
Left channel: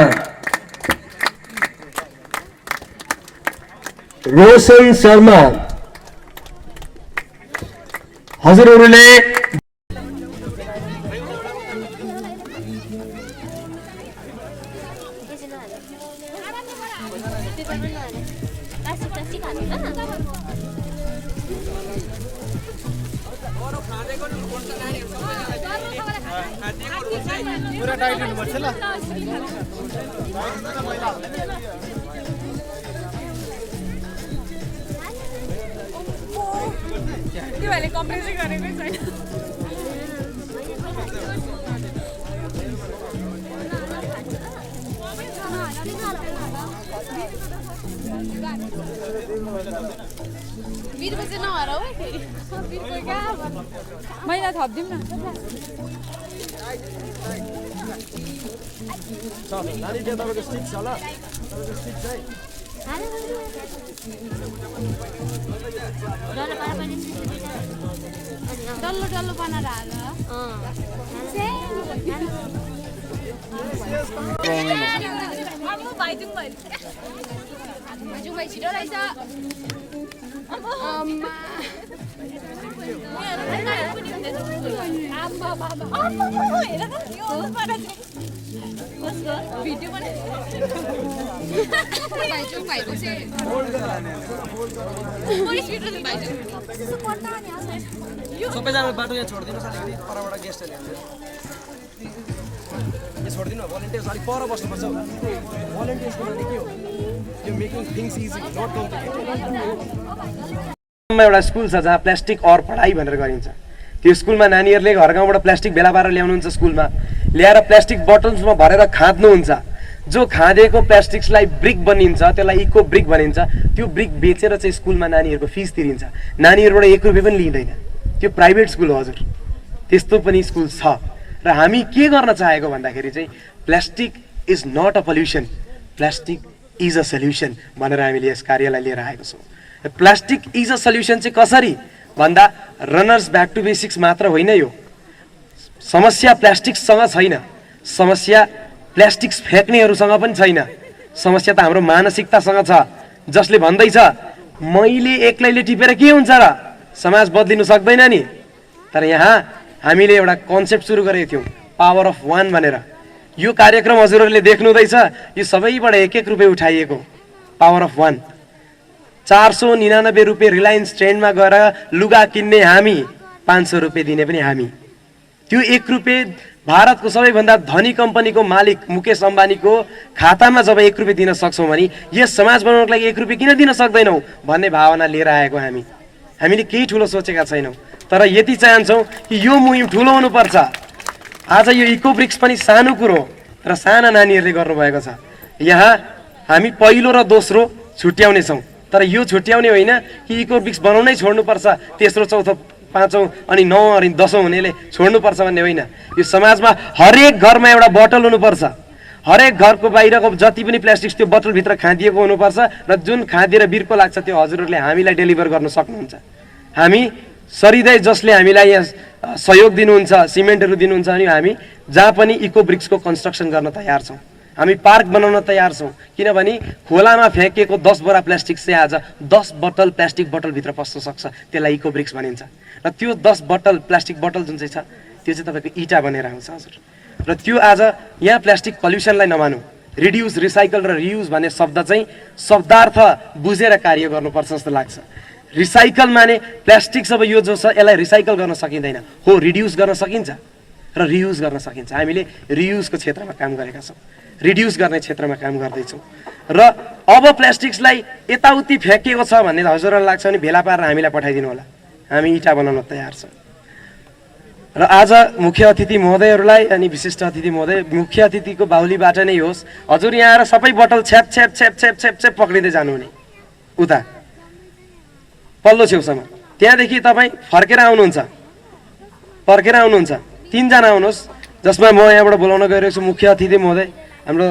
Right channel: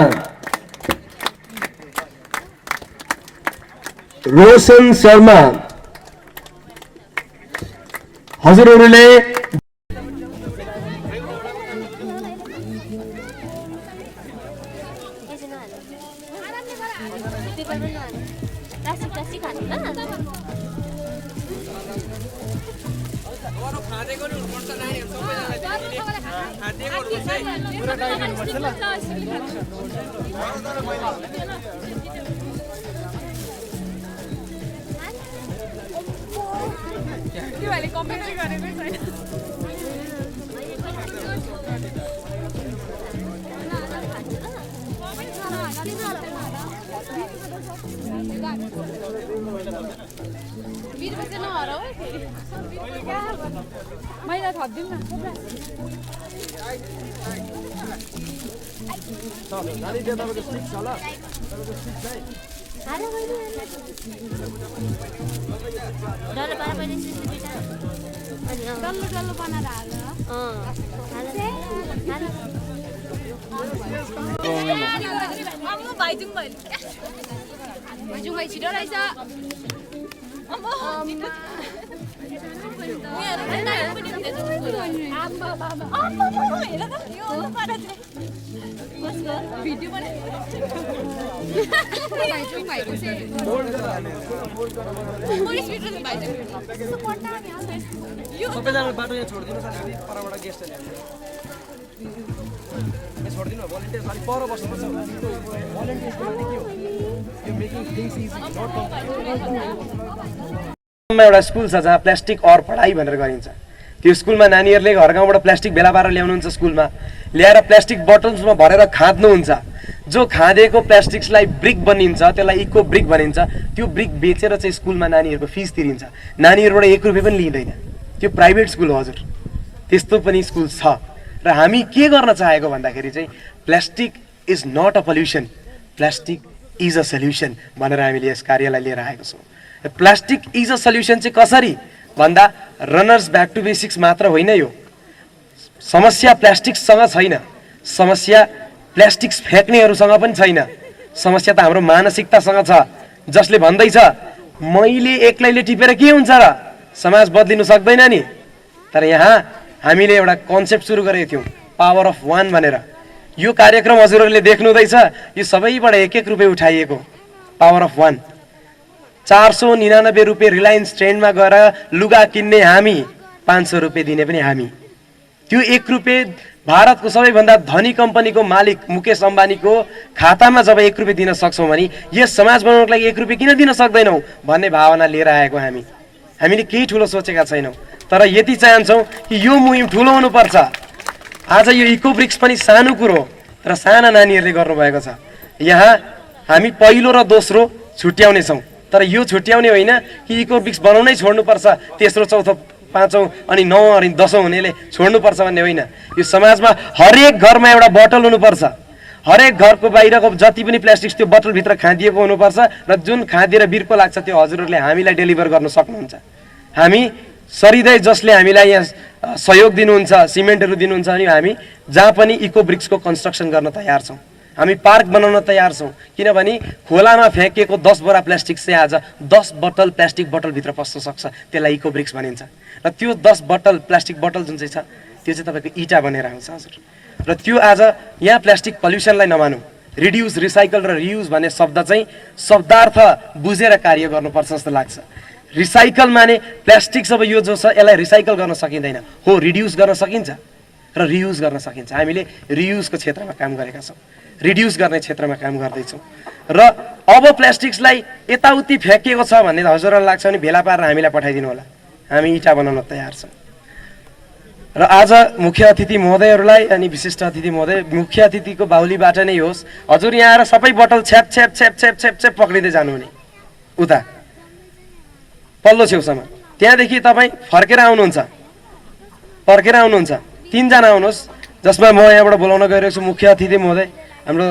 रोशन शर्मा। हजुरहरूले महिना थपिदिउँ न। डल्लो डल्लो बनाएर हाल। भिडियो सबैजना बाटो यहाँ छोडिदिनु पर्छ हामी परबाट गेस्टहरूले छोडिदिनु भोलिन्टियर्स अलिक पर बस्नुपर्छ भोलिन्टियर्सको लागि के हो यो मेकिङ थिङ्स इजी नट एउटा स्कुल छ जहाँ प्लास्टिक और पढाइ भनेर गरिन्छ त्यो स्कुलमा नानीहरूले घर गाउँबाट प्लास्टिक भेला पारेर ल्याउनुहुन्छ स्कुलमा ल्याएर प्लास्टिक बोटल्समा भरेर खाँद्नुहुन्छ जो खाँदेको प्लास्टिक्सलाई ब्रिक बनिन्छ त्यसलाई इको ब्रिक भनिन्छ त्यो ब्रिक बेचेर चाहिँ स्कुलमा नानीहरूको फिस तिरिन्छ नानीहरूबाट 1 रुपैयाँ पनि लिँदैन त्यो प्राइभेट स्कुल हो हजुर त्यस्तो पनि स्कुल छ र हामी के गर्न चाहेको भन्दाखेरि चाहिँ plastic is not a pollution plastic is a solution भनेर हामीले यस कार्यलाई लिएर आएको छौँ प्लास्टिक इज अ सल्युसन चाहिँ कसरी भन्दा रनर्स ब्याक टु बेसिक्स मात्र होइन यो समस्या प्लास्टिकसँग छैन समस्या प्लास्टिक्स फ्याँक्नेहरूसँग पनि छैन समस्या त हाम्रो मानसिकतासँग छ जसले भन्दैछ मैले एक्लैले टिपेर के हुन्छ र समाज बदलिनु सक्दैन नि तर यहाँ हामीले एउटा कन्सेप्ट सुरु गरेको थियौँ पावर अफ 1 भनेर यो कार्यक्रम हजुरहरूले देख्नुहुँदैछ यो सबैबाट 1-1 रुपैयाँ उठाइएको पावर अफ 1 499 रुपैयाँ रिलायन्स ट्रेन्डमा गएर लुगा किन्ने हामी 500 रुपैयाँ दिने पनि हामी त्यो 1 रुपैयाँ भारतको सबैभन्दा धनी कम्पनीको मालिक मुकेश अम्बानीको खातामा जब 1 रुपैयाँ दिन सक्छौँ भने यस समाज बनाउनको लागि 1 रुपैयाँ किन दिन सक्दैनौँ भन्ने भावना लिएर आएको हामीले केही ठुलो सोचेका छैनौँ तर यति चाहन्छौँ कि यो मुहिम ठुलो हुनुपर्छ आज यो इको ब्रिक्स पनि सानो कुरो र साना नानीहरूले गर्नुभएको छ यहाँ हामी पहिलो र दोस्रो छुट्याउने छौँ तर यो छुट्याउने होइन कि इको ब्रिक्स बनाउनै छोड्नुपर्छ तेस्रो चौथो पाँचौँ अनि 9 अनि 10औं हुनेले छोड्नुपर्छ भन्ने होइन यो समाजमा हरेक घरमा एउटा बोतल हुनुपर्छ हरेक घरको बाहिरको जति पनि प्लास्टिक त्यो बोतलभित्र खाँदिएको हुनुपर्छ र जुन खाँदिएर बिर्को लाग्छ त्यो हजुरहरूले हामीलाई डेलिभर गर्न सक्नुहुन्छ हामी सरिँदै जसले हामीलाई यहाँ सहयोग दिनुहुन्छ सिमेन्टहरू दिनुहुन्छ अनि हामी जहाँ पनि इको ब्रिक्सको कन्स्ट्रक्सन गर्न तयार छौँ हामी पार्क बनाउन तयार छौँ किनभने खोलामा फ्याँकिएको 10 बोरा प्लास्टिक चाहिँ आज 10 बोतल प्लास्टिक बोतलभित्र पस्न सक्छ त्यसलाई इको ब्रिक्स भनिन्छ र त्यो 10 बोतल प्लास्टिक बोतल जुन चाहिँ छ त्यो चाहिँ तपाईँको इटा बनेर आउँछ हजुर र त्यो आज यहाँ प्लास्टिक पल्युसनलाई नमानौँ रिड्युस रिसाइकल र रियुज भन्ने शब्द चाहिँ शब्दार्थ बुझेर कार्य गर्नुपर्छ जस्तो लाग्छ रिसाइकल माने प्लास्टिक सब यो जो छ यसलाई रिसाइकल गर्न सकिँदैन हो रिड्युस गर्न सकिन्छ र रियुज गर्न सकिन्छ हामीले रियुजको क्षेत्रमा काम गरेका छौँ रिड्युस गर्ने क्षेत्रमा काम गर्दैछौँ र अब प्लास्टिक्सलाई यताउति फ्याँकिएको छ भन्ने हजुरहरूलाई लाग्छ भने भेला पारेर हामीलाई पठाइदिनु होला हामी इटा बनाउन तयार छौँ र आज मुख्य अतिथि महोदयहरूलाई अनि विशिष्ट अतिथि महोदय मुख्य अतिथिको बाहुलीबाट नै होस् हजुर यहाँ आएर सबै बोतल छ्याप छ्याप छ्याप छ्याप छ्याप छ्याप पक्रिँदै जानुहुने उता पल्लो छेउसम्म त्यहाँदेखि तपाईँ फर्केर आउनुहुन्छ 3 जना आउनुहोस् जसमा म यहाँबाट बोलाउन गइरहेको छु मुख्य अतिथि महोदय हाम्रो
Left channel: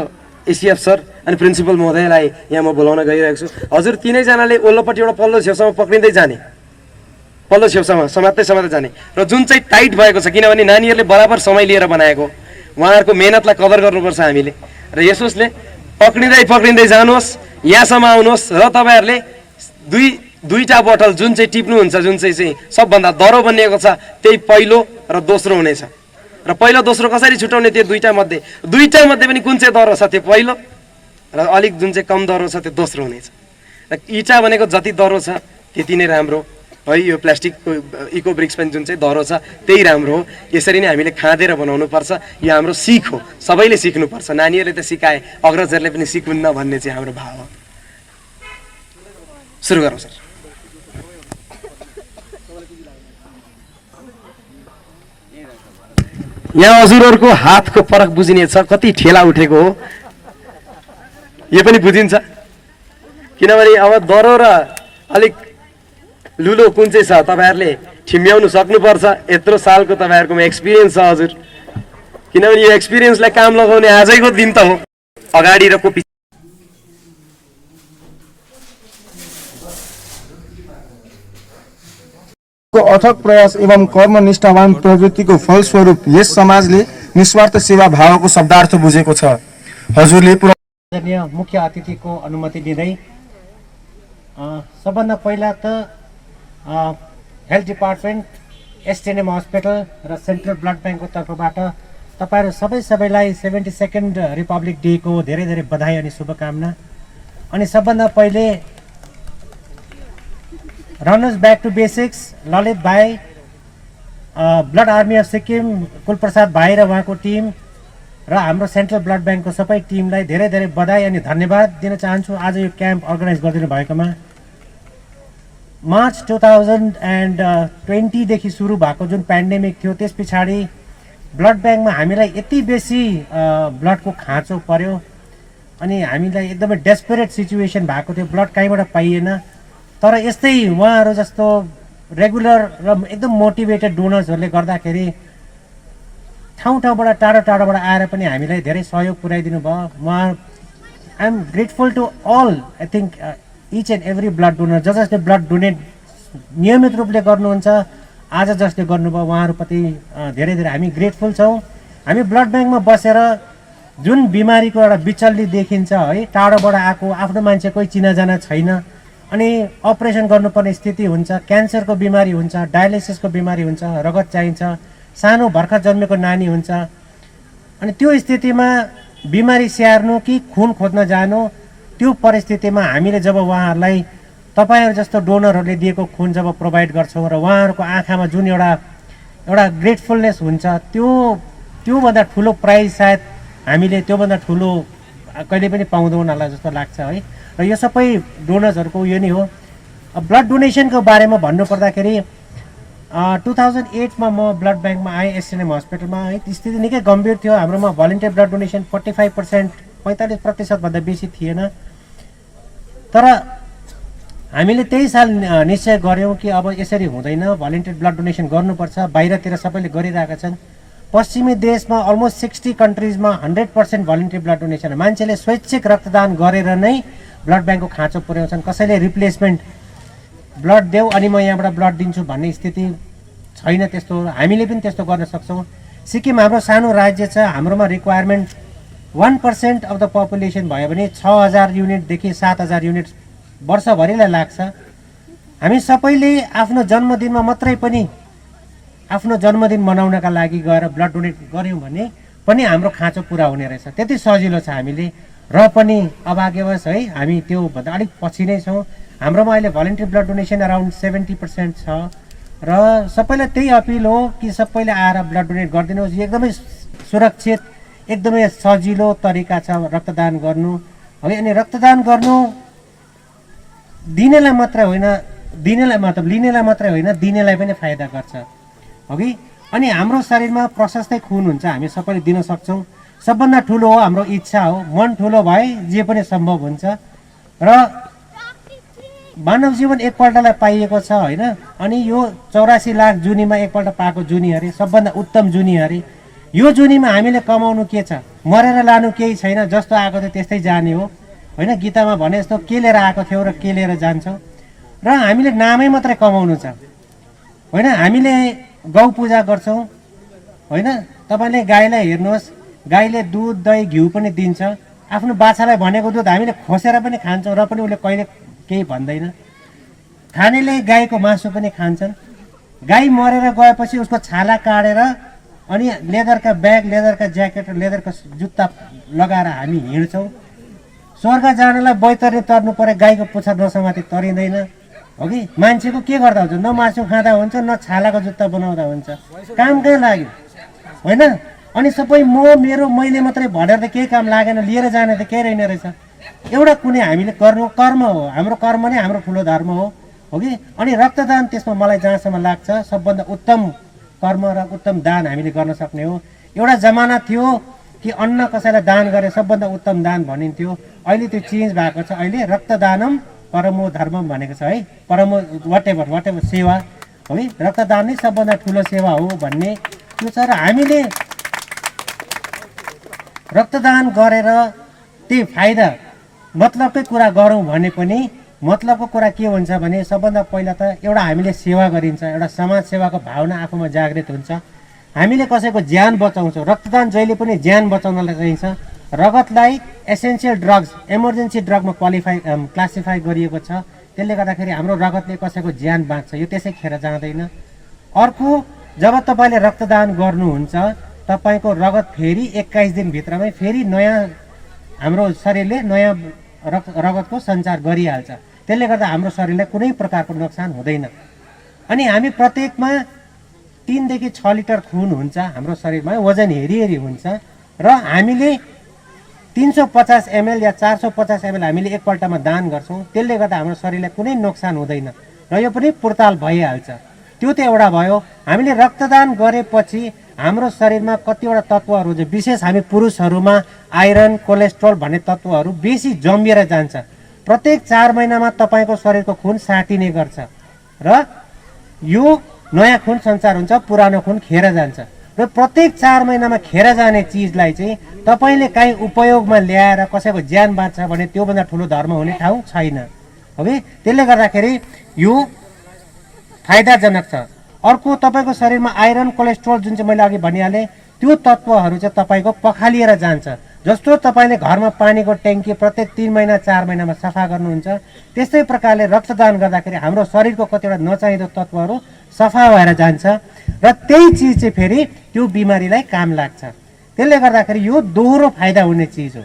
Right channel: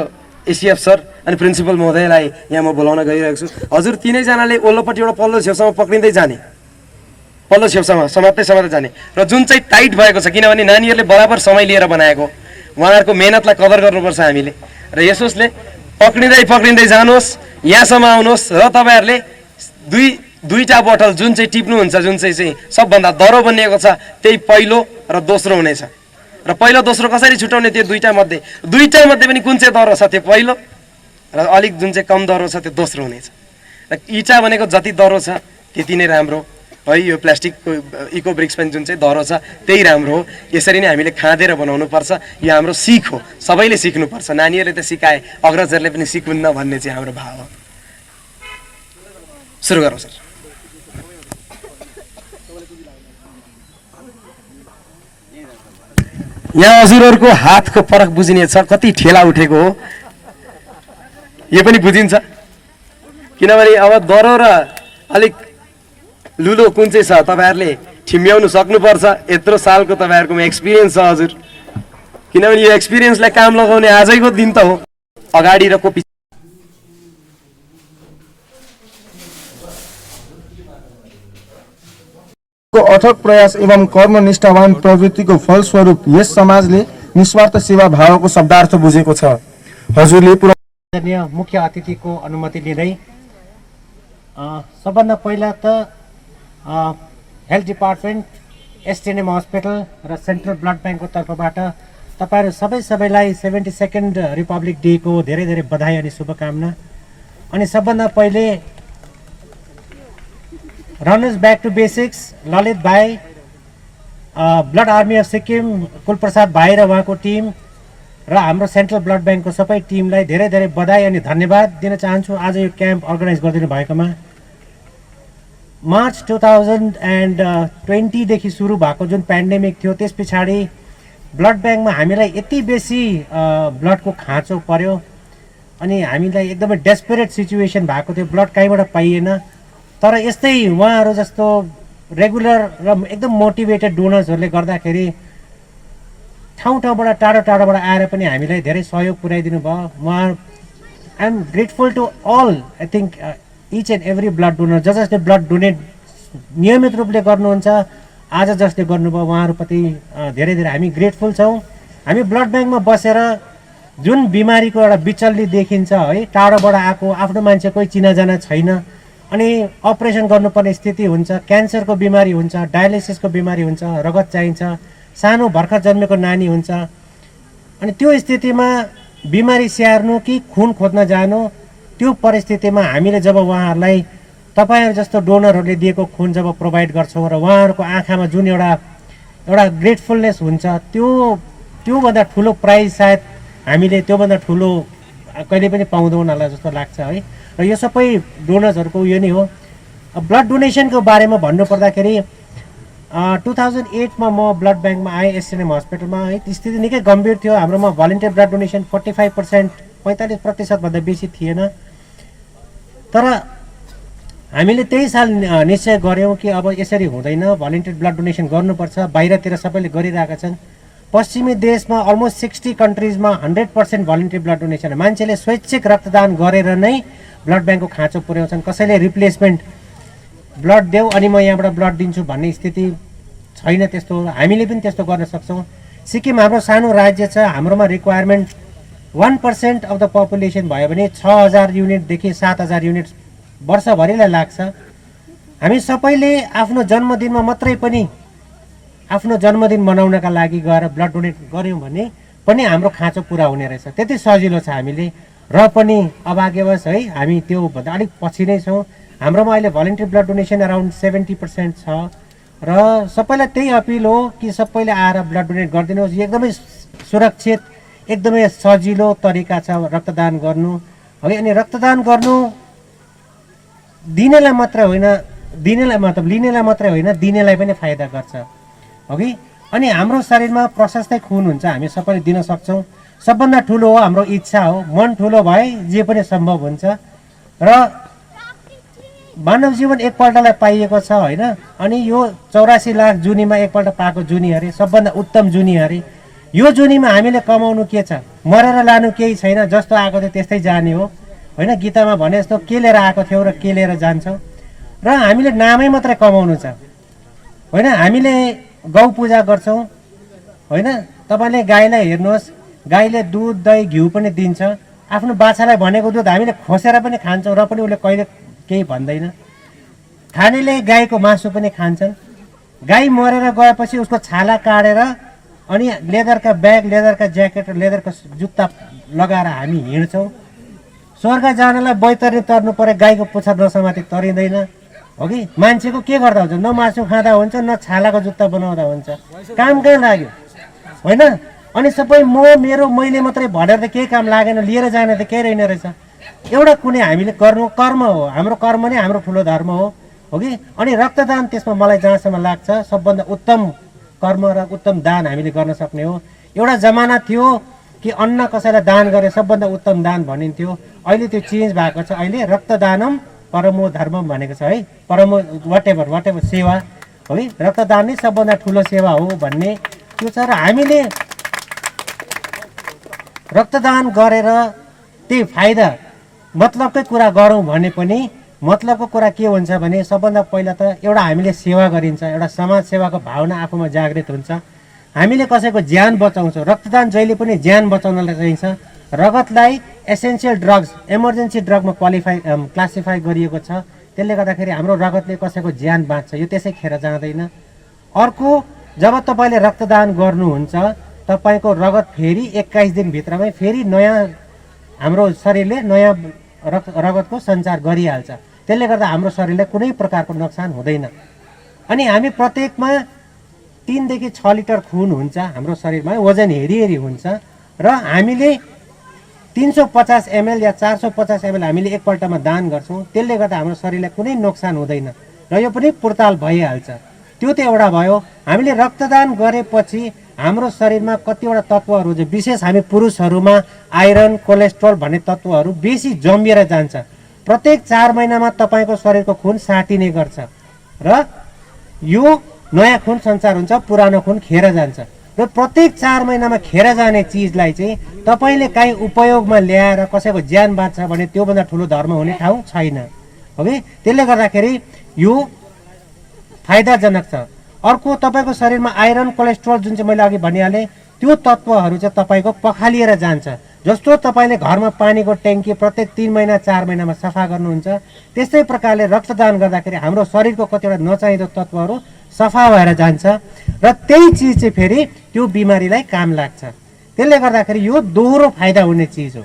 एसिएफ सर अनि प्रिन्सिपल महोदयलाई यहाँ म बोलाउन गइरहेको छु हजुर 3 जनाले ओल्लोपट्टिबाट पल्लो छेउसम्म पक्रिँदै जाने पल्लो छेउसम्म समात्दै जाने र जुन चाहिँ टाइट भएको छ किनभने नानीहरूले बराबर समय लिएर बनाएको उहाँहरूको मेहनतलाई कदर गर्नुपर्छ हामीले र यसोसले पक्रिँदै जानुहोस् यहाँसम्म आउनुहोस् र तपाईँहरूले दुईटा बोतल जुन चाहिँ टिप्नुहुन्छ जुन चाहिँ सबभन्दा दह्रो बनिएको छ त्यही पहिलो र दोस्रो हुनेछ र पहिलो दोस्रो कसरी छुटाउने त्यो दुईटा मध्ये पनि कुन चाहिँ दह्रो छ त्यो पहिलो र अलिक जुन चाहिँ कम दह्रो छ त्यो दोस्रो हुनेछ र इटा भनेको जति दह्रो छ त्यति नै राम्रो है यो प्लास्टिकको इको ब्रिक्स पनि जुन चाहिँ दह्रो छ त्यही राम्रो हो यसरी नै हामीले खाँदेर बनाउनु पर्छ यो हाम्रो सिख हो सबैले सिक्नुपर्छ नानीहरूले त सिकाए अग्रजहरूले पनि सिकुन्न भन्ने चाहिँ हाम्रो भाव हो सुरु गरौँ सर यहाँ हजुरहरूको हातको फरक बुझिने छ कति ठेला उठेको हो यो पनि बुझिन्छ किनभने अब दह्रो र अलिक लुलो कुन चाहिँ छ तपाईँहरूले ठिम्याउनु सक्नुपर्छ यत्रो सालको तपाईँहरूकोमा एक्सपिरियन्स छ हजुर किनभने यो एक्सपिरियन्सलाई काम लगाउने आजैको दिन त हो अगाडि र को अथक प्रयास एवं कर्मनिष्ठावान प्रवृत्तिको फलस्वरूप यस समाजले निस्वार्थ सेवा भावको शब्दार्थ बुझेको छ। हजुरले आदरणीय मुख्य अतिथिको अनुमति लिँदै सबभन्दा पहिला त हेल्थ डिपार्टमेन्ट, एसटिएनएम हस्पिटल र सेन्ट्रल ब्लड ब्याङ्कको तर्फबाट तपाईँहरू सबैलाई 72nd रिपब्लिक डेको धेरै धेरै बधाई अनि शुभकामना। अनि सबभन्दा पहिले रनर्स ब्याक टु बेसिक्स ललित भाइ, blood army of Sikkim Kulprasad भाइ र उहाँको टिम र हाम्रो सेन्ट्रल ब्लड ब्याङ्कको सबै टिमलाई धेरै धेरै बधाई अनि धन्यवाद दिन चाहन्छु आज यो क्याम्प अर्गनाइज गरिदिनु भएकोमा। मार्च 2020 देखि सुरु भएको जुन पेन्डेमिक थियो त्यस पछाडि ब्लड ब्याङ्कमा हामीलाई यति बेसी ब्लडको खाँचो पर्यो अनि हामीलाई एकदमै डेस्परेट सिचुएसन भएको थियो, ब्लड कहीँबाट पाइएन। तर यस्तै उहाँहरू जस्तो रेगुलर र एकदम मोटिभेटेड डोनर्सहरूले गर्दाखेरि ठाउँबाट टाढोबाट आएर पनि हामीलाई धेरै सहयोग पुर्याइदिनु भयो। I am grateful to all, I think each and every blood donor जसले ब्लड डोनेट नियमित रूपले गर्नुहुन्छ, आज जसले गर्नुभयो उहाँहरूप्रति धेरै धेरै हामी ग्रेटफुल छौँ। हामी ब्लड ब्याङ्कमा बसेर जुन बिमारीको एउटा विचल्ली देखिन्छ है, टाढोबाट आएको आफ्नो मान्छे कोही चिनाजाना छैन अनि अपरेसन गर्नुपर्ने स्थिति हुन्छ, क्यान्सरको बिमारी हुन्छ, डायलिसिसको बिमारी हुन्छ, रगत चाहिन्छ, सानो भर्खर जन्मेको नानी हुन्छ, अनि त्यो स्थितिमा बिमारी स्याहार्नु कि खुन खोज्न जानु, त्यो परिस्थितिमा हामीले जब उहाँहरूलाई तपाईँहरू जस्तो डोनरहरूले दिएको खुन जब प्रोभाइड गर्छौँ र उहाँहरूको आँखामा जुन एउटा ग्रेटफुलनेस हुन्छ, त्योभन्दा ठुलो प्राइज सायद हामीले त्योभन्दा ठुलो कहिले पनि पाउँदैनौँ होला जस्तो लाग्छ है। र यो सबै डोनर्सहरूको यो नै हो। ब्लड डोनेसनको बारेमा भन्नुपर्दाखेरि 2008 मा म ब्लड ब्याङ्कमा आएँ एसटिएनएम हस्पिटलमा है। स्थिति निकै गम्भीर थियो। हाम्रोमा भलिन्टियर ब्लड डोनेसन 45% भन्दा बेसी थिएन। तर हामीले त्यही साल निश्चय गऱ्यौँ कि अब यसरी हुँदैन, भलिन्टियर ब्लड डोनेसन गर्नुपर्छ। बाहिरतिर सबैले गरिरहेका छन्। पश्चिमी देशमा अलमोस्ट 60 कन्ट्रिजमा 100% भलिन्टियर ब्लड डोनेसन, मान्छेले स्वैच्छिक रक्तदान गरेर नै ब्लड ब्याङ्कको खाँचो पुर्याउँछन्। कसैले रिप्लेसमेन्ट ब्लड देऊ अनि म यहाँबाट ब्लड दिन्छु भन्ने स्थिति छैन। त्यस्तो हामीले पनि त्यस्तो गर्न सक्छौँ। सिक्किम हाम्रो सानो राज्य छ, हाम्रोमा रिक्वायरमेन्ट 1% अफ द पपुलेसन भयो भने 6000 युनिटदेखि 7000 युनिट वर्षभरिलाई लाग्छ। हामी सबैले आफ्नो जन्मदिनमा मात्रै पनि आफ्नो जन्मदिन मनाउनका लागि गएर ब्लड डोनेट गऱ्यौँ भने पनि हाम्रो खाँचो पुरा हुने रहेछ। त्यति सजिलो छ हामीले, र पनि अभाग्यवश है हामी त्यो भन्दा अलिक पछि नै छौँ। हाम्रोमा अहिले भलिन्टियर ब्लड डोनेसन अराउन्ड 70% छ र सबैलाई त्यही अपिल हो कि सबैले आएर ब्लड डोनेट गरिदिनुहोस्। यो एकदमै सुरक्षित, एकदमै सजिलो तरिका छ रक्तदान गर्नु है। अनि रक्तदान गर्नु दिनेलाई मात्रै होइन, लिनेलाई मात्रै होइन, दिनेलाई पनि फाइदा गर्छ अघि। अनि हाम्रो शरीरमा प्रशस्तै खुन हुन्छ, हामी सबैले दिन सक्छौँ। सबभन्दा ठुलो हो हाम्रो इच्छा हो। मन ठुलो भए जे पनि सम्भव हुन्छ। र मानव जीवन एकपल्टलाई पाइएको छ होइन। अनि यो 84 लाख जुनीमा एकपल्ट पाएको जुनी अरे, सबभन्दा उत्तम जुनी अरे। यो जुनीमा हामीले कमाउनु के छ? मरेर लानु केही छैन, जस्तो आएको थियो त्यस्तै जाने हो होइन। गीतामा भने जस्तो के लिएर आएको थियौ र के लिएर जान्छौ। र हामीले नामै मात्रै कमाउनु छ होइन। हामीले गौ पूजा गर्छौँ होइन। तपाईँले गाईलाई हेर्नुहोस्, गाईले दुध दही घिउ पनि दिन्छ। आफ्नो बाछालाई भनेको दुध हामीले खोसेर पनि खान्छौँ र पनि उसले कहिले केही भन्दैन। खानेले गाईको मासु पनि खान्छन्। गाई मरेर गएपछि उसको छाला काटेर अनि लेदरका ब्याग, लेदरका ज्याकेट र लेदरका जुत्ता लगाएर हामी हिँड्छौँ। स्वर्ग जानलाई बैतरनी तर्नु पऱ्यो, गाईको पुच्छर नसमाति तरिँदैन हो कि। मान्छेको के गर्दा हुन्छ? न मासु खाँदा हुन्छ, न छालाको जुत्ता बनाउँदा हुन्छ। काम कहाँ लाग्यो होइन। अनि सबै मैले मात्रै भनेर त केही काम लागेन, लिएर जाने त केही रहेन रहेछ। एउटा कुनै हामीले गर्नु कर्म हो, हाम्रो कर्म नै हाम्रो ठुलो धर्म हो कि। अनि रक्तदान त्यसमा मलाई जहाँसम्म लाग्छ सबभन्दा उत्तम कर्म र उत्तम दान हामीले गर्न सक्ने हो। एउटा जमाना थियो कि अन्न कसैलाई दान गरे सबभन्दा उत्तम दान भनिन्थ्यो। अहिले त्यो चेन्ज भएको छ। अहिले रक्तदानम परमो धर्मम भनेको छ है। परमो वाटेभर सेवा हो कि। रक्तदान नै सबभन्दा ठुलो सेवा हो भन्ने त्यो छ। र हामीले रक्तदान गरेर त्यही फाइदा मतलबकै कुरा गरौँ भने पनि मतलबको कुरा के हुन्छ भने सबभन्दा पहिला त एउटा हामीले सेवा गरिन्छ, एउटा समाज सेवाको भावना आफूमा जागृत हुन्छ। हामीले कसैको ज्यान बचाउँछौँ। रक्तदान जहिले पनि ज्यान बचाउनलाई चाहिन्छ। रगतलाई एसेन्सियल ड्रग्स, इमर्जेन्सी ड्रगमा क्लासिफाई गरिएको छ। त्यसले गर्दाखेरि हाम्रो रगतले कसैको ज्यान बाँच्छ, यो त्यसै खेर जाँदैन। अर्को, जब तपाईँले रक्तदान गर्नुहुन्छ तपाईँको रगत फेरि 21 दिनभित्रमै फेरि नयाँ हाम्रो शरीरले नयाँ रगतको सञ्चार गरिहाल्छ। त्यसले गर्दा हाम्रो शरीरलाई कुनै प्रकारको नोक्सान हुँदैन। अनि हामी प्रत्येकमा 3 देखि 6 लिटर खुन हुन्छ हाम्रो शरीरमा, वजन हेरी हुन्छ र हामीले 350 ml या 450 ml हामीले एकपल्टमा दान गर्छौँ। त्यसले गर्दा हाम्रो शरीरलाई कुनै नोक्सान हुँदैन र यो पनि पुर्ताल भइहाल्छ। त्यो त एउटा भयो। हामीले रक्तदान गरेपछि हाम्रो शरीरमा कतिवटा तत्त्वहरू चाहिँ विशेष हामी पुरुषहरूमा आइरन, कोलेस्ट्रोल भन्ने तत्त्वहरू बेसी जमिएर जान्छ। प्रत्येक 4 महिनामा तपाईँको शरीरको खुन साटिने गर्छ र यो नयाँ खुन सञ्चार हुन्छ, पुरानो खुन खेर जान्छ र प्रत्येक 4 महिनामा खेर जाने चिजलाई चाहिँ तपाईँले काहीँ उपयोगमा ल्याएर कसैको ज्यान बाँच्छ भने त्योभन्दा ठुलो धर्म हुने ठाउँ छैन। ओके, त्यसले गर्दाखेरि यो फाइदाजनक छ। अर्को, तपाईँको शरीरमा आइरन, कोलेस्ट्रोल जुन चाहिँ मैले अघि भनिहालेँ त्यो तत्त्वहरू चाहिँ तपाईँको पखालिएर जान्छ। जस्तो तपाईँले घरमा पानीको ट्याङ्की प्रत्येक 3 महिना 4 महिनामा सफा गर्नुहुन्छ, त्यस्तै प्रकारले रक्तदान गर्दाखेरि हाम्रो शरीरको कतिवटा नचाहिँदो तत्त्वहरू सफा भएर जान्छ र त्यही चिज चाहिँ फेरि त्यो बिमारीलाई काम लाग्छ। त्यसले गर्दाखेरि यो दोहोरो फाइदा हुने चिज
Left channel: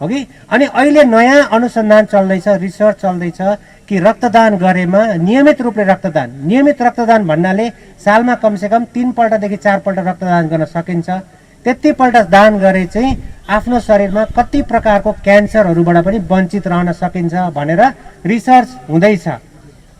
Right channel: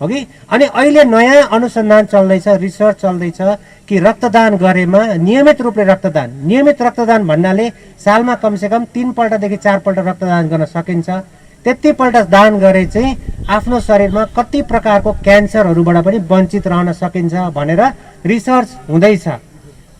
हो कि। अनि अहिले नयाँ अनुसन्धान चल्दैछ, रिसर्च चल्दैछ कि रक्तदान गरेमा नियमित रक्तदान भन्नाले सालमा कमसेकम 3 पल्टदेखि 4 पल्ट रक्तदान गर्न सकिन्छ। त्यतिपल्ट दान गरे चाहिँ आफ्नो शरीरमा कति प्रकारको क्यान्सरहरूबाट पनि वञ्चित रहन सकिन्छ भनेर रिसर्च हुँदैछ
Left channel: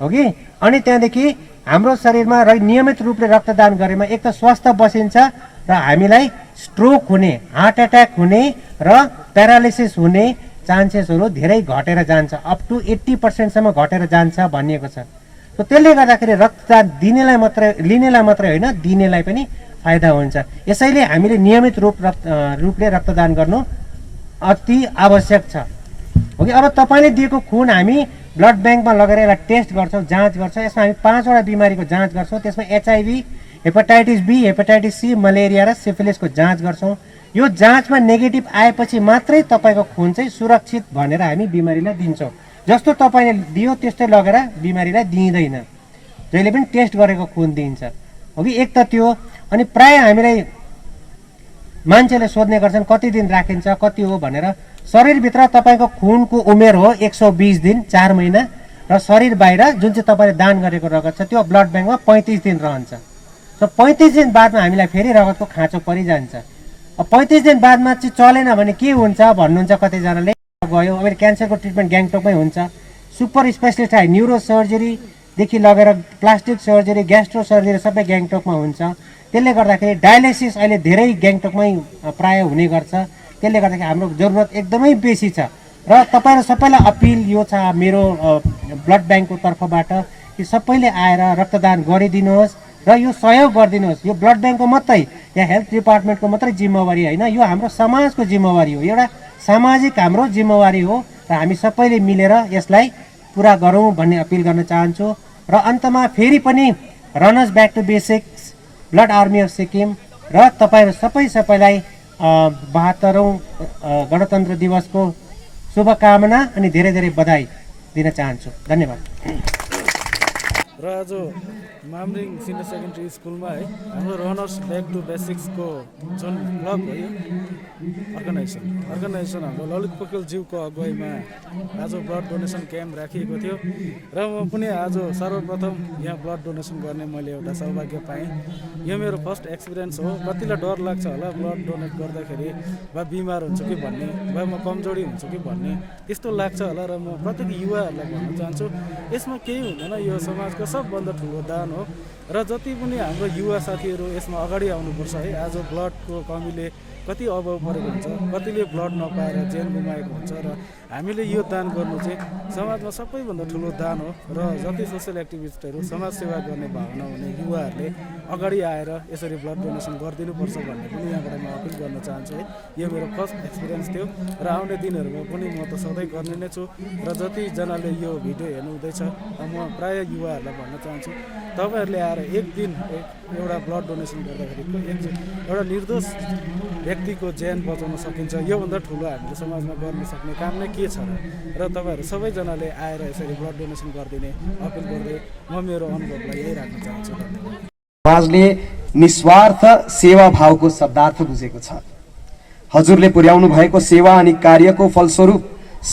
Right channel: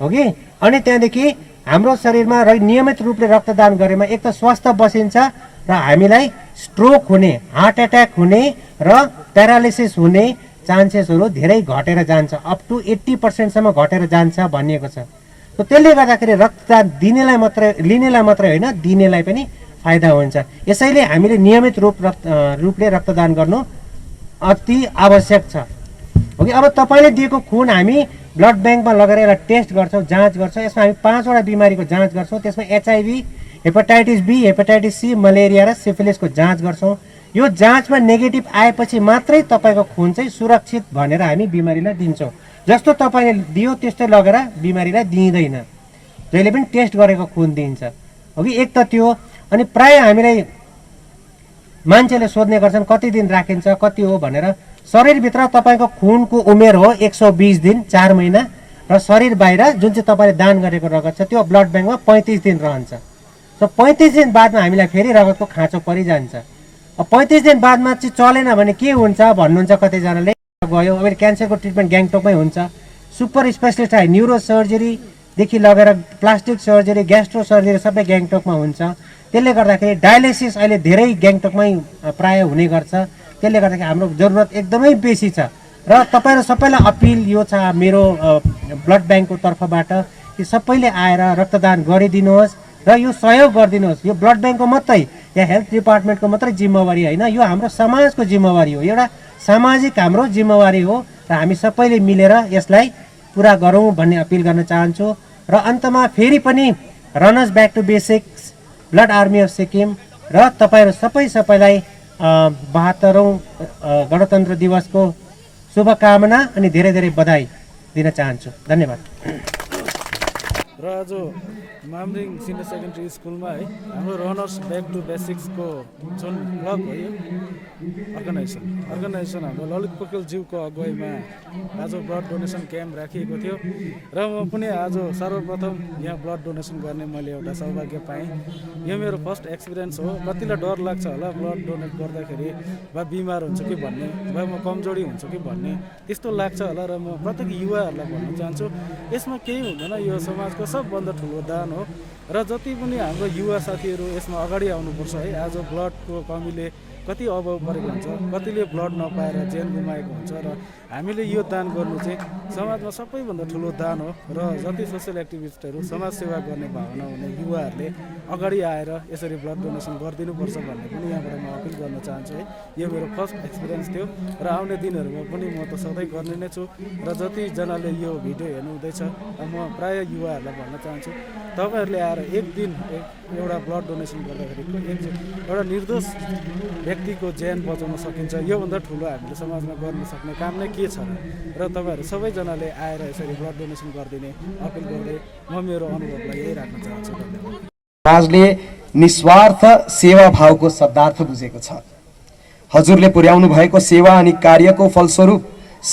हो कि। अनि त्यहाँदेखि हाम्रो शरीरमा नियमित रूपले रक्तदान गरेमा एक त स्वस्थ बसिन्छ र हामीलाई स्ट्रोक हुने, हार्ट एट्याक हुने र प्यारालिसिस हुने चान्सेसहरू धेरै घटेर जान्छ, अप टु 80% सम्म घटेर जान्छ भनिएको छ। त्यसले गर्दाखेरि रक्तदान लिनेलाई मात्रै होइन, दिनेलाई पनि फाइदा हुन्छ। यसैले हामीले नियमित रूपले रक्तदान गर्नु अति आवश्यक छ हो कि। अब तपाईँले दिएको खुन हामी ब्लड ब्याङ्कमा लगेर यसलाई टेस्ट गर्छौँ, जाँच गर्छौँ। यसमा हामी 5वटा बिमारीको जाँच गर्छौँ। त्यसमा HIV, hepatitis B, hepatitis C, malaria र सिफिलिसको जाँच गर्छौँ। यो जाँचमा नेगेटिभ आएपछि मात्रै तपाईँको खुन चाहिँ सुरक्षित भनेर हामी बिमारीलाई दिन्छौँ। जस्तो तपाईँले दियो त्यस्तै लगेर बिमारीलाई दिइँदैन, जहिले पनि टेस्ट गरेको खुन दिइन्छ हो कि। एक त त्यो। अनि प्राय हामीलाई मान्छेले सोध्ने गर्छन् कति दिन राखिन्छ, कति हो भनेर। शरीरभित्र तपाईँको खुनको उमेर हो 120 दिन, 4 महिना र शरीर बाहिर जुन चाहिँ तपाईँले दान गरेको रगत छ त्यो ब्लड ब्याङ्कमा 35 दिन रहन्छ। 35 दिन बादमा हामीलाई फेरि रगतको खाँचो परिजान्छ। 35 दिन बादमा चाहिँ चलेन भने के हुन्छ भन्नुहुन्छ कतिजनाले। गयो अब क्यान्सरको ट्रिटमेन्ट ग्याङटोकमै हुन्छ। सुपर स्पेसलिस्ट आयो, न्युरो सर्जरीदेखि लगेर प्लास्टिक सर्जरी, ग्यास्ट्रो सर्जरी सबै ग्याङटोकमा हुन्छ। त्यसले गर्दाखेरि डायलिसिस अहिले धेरै ग्याङटोकमै प्राय हुने गर्छ। त्यसले गर्दाखेरि हाम्रो जरुरत एकदमै बेसी छ र तपाईँहरू सबैलाई अपिल यो छ मेरो ब्लड ब्याङ्कको तर्फबाट कि सबैले आएर रक्तदान गरिदिनुहोस् र यो सहयोग गरिदिनुहोस्। यो ब्लड ब्याङ्कको मात्रै या हेल्थ डिपार्टमेन्टको मात्रै जिम्मेवारी होइन, यो हाम्रो समाजको जिम्मेवारी हो, एउटा सामाजिक हाम्रो जिम्मेवारी हो र हामी सबैले मिलेर यसलाई पुरा गरौँ भन्ने अपिल गर्न चाहन्छु। र अन्तमा फेरि पनि runners back to basics, blood army of Sikkim र तपाईँहरू सबैलाई 72औं गणतन्त्र दिवसको शुभकामना अनि धेरै धेरै बधाई दिन चाहन्छु। धन्यवाद। र आज मामरिङ सिनियर सेकेन्ड्री स्कुलमा है हाम्रो रनर्स ब्याक टु बेसिक्सको जुन क्लब हो यो अर्गनाइजेसन हाम्रो ललित पोखरेल ज्यूको अगुवाईमा आज ब्लड डोनेसन क्याम्प राखिएको थियो र म पनि आज सर्वप्रथम यहाँ ब्लड डोनेसन गर्ने मैले एउटा सौभाग्य पाएँ। यो मेरो फर्स्ट एक्सपिरियन्स हो। कतिलाई डर लाग्छ होला ब्लड डोनेट गर्दाखेरि, वा बिमार हुन्छु कि भन्ने, वा म कमजोरी हुन्छु कि भन्ने त्यस्तो लाग्छ होला। र म प्रत्येक युवाहरूलाई भन्न चाहन्छु यसमा केही हुँदैन, यो समाजको सबभन्दा ठुलो दान हो र जति पनि हाम्रो युवा साथीहरू यसमा अगाडि आउनुपर्छ है। आज ब्लडको कमीले कति अभाव परेको हुन्छ, कतिले ब्लड नपाएर ज्यान गुमाएको हुन्छ र हामीले यो दान गर्नु चाहिँ समाजमा सबैभन्दा ठुलो दान हो। र जति सोसियल एक्टिभिस्टहरू, समाज सेवा गर्ने भावना हुने युवाहरूले अगाडि आएर यसरी ब्लड डोनेसन गरिदिनुपर्छ भन्ने पनि यहाँबाट म अपिल गर्न चाहन्छु है। यो मेरो फर्स्ट एक्सपिरियन्स थियो र आउने दिनहरूमा पनि म त सधैँ गर्ने नै छु। र जतिजनाले यो भिडियो हेर्नु हुँदैछ म प्राय युवाहरूलाई भन्न चाहन्छु तपाईँहरूले आएर एक दिन एउटा ब्लड डोनेसन गर्दाखेरि एउटा निर्दोष व्यक्तिको ज्यान बचाउन सकिन्छ। योभन्दा ठुलो हामीले समाजमा गर्न सक्ने काम नै के छ र तपाईँहरू सबैजनाले आएर यसरी ब्लड डोनेसन गरिदिने अपिल गर्दै म मेरो अनुभवलाई यही राख्न चाहन्छु। धन्यवाद। समाजले निस्वार्थ सेवा भावको शब्दार्थ बुझेको छ। हजुरले पुर्याउनु भएको सेवा अनि कार्यको फलस्वरूप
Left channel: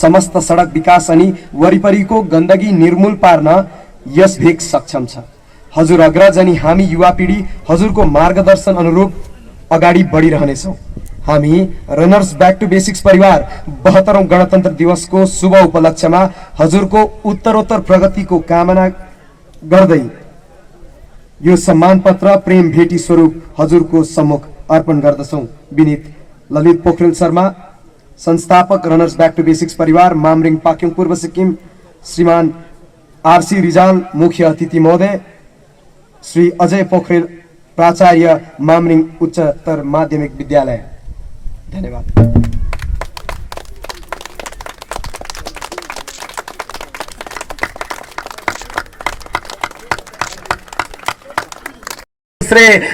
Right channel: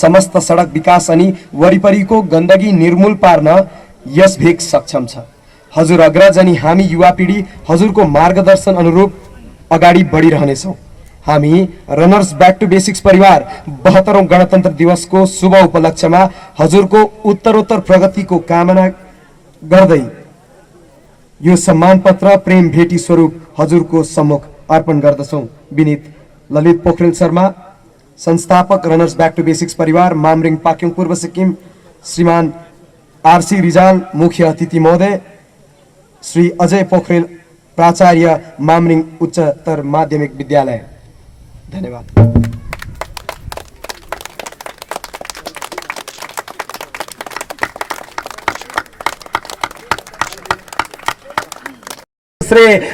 समस्त सडक विकास अनि वरिपरिको गन्दगी निर्मूल पार्न यस भेग सक्षम छ। हजुर अग्रज अनि हामी युवा पिढी हजुरको मार्गदर्शन अनुरूप अगाडि बढिरहनेछौँ। हामी रनर्स ब्याक टु बेसिक्स परिवार 72औं गणतन्त्र दिवसको शुभ उपलक्ष्यमा हजुरको उत्तरोत्तर प्रगतिको कामना गर्दै यो सम्मान पत्र प्रेम भेटी स्वरूप हजुरको सम्मुख अर्पण गर्दछौँ। विनीत ललित पोखरेल शर्मा, संस्थापक रनर्स ब्याक टु बेसिक्स परिवार, मामरिङ पाक्योङ पूर्व सिक्किम। श्रीमान आरसी रिजाल मुख्य अतिथि महोदय, श्री अजय पोखरेल प्राचार्य मामरिङ उच्चतर माध्यमिक विद्यालय। धन्यवाद।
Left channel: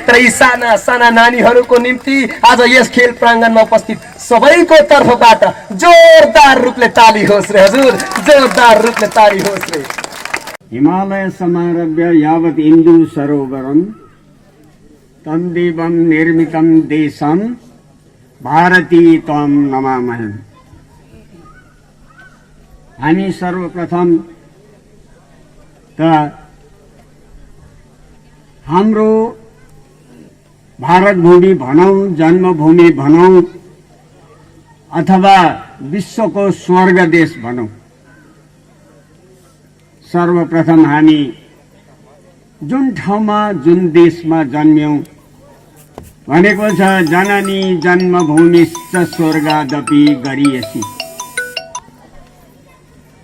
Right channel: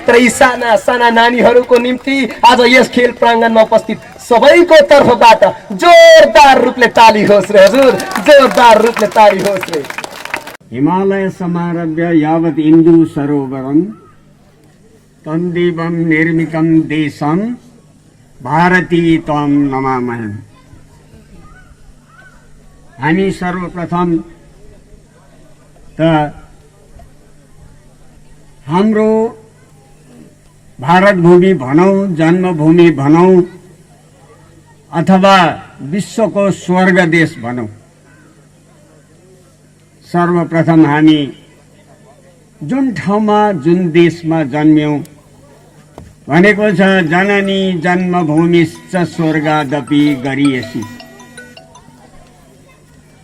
तर यी साना साना नानीहरूको निम्ति आज यस खेल प्राङ्गणमा उपस्थित सबैको तर्फबाट जोरदार रूपले ताली होस् रे हजुर, जोरदार रूपले ताली होस् रे। हिमालय समारभ्य यावत् इन्दु सरोवरम तन्देवम निर्मितम देशम भारती त्वं नमामि। हामी सर्वप्रथम त हाम्रो भारत भूमि भनौं, जन्मभूमि भनौं अथवा विश्वको स्वर्ग देश भनौं, सर्वप्रथम हामी जुन ठाउँमा जुन देशमा जन्म्यौं भनेको छ जननी जन्मभूमिश्च स्वर्गादपि गरियसी।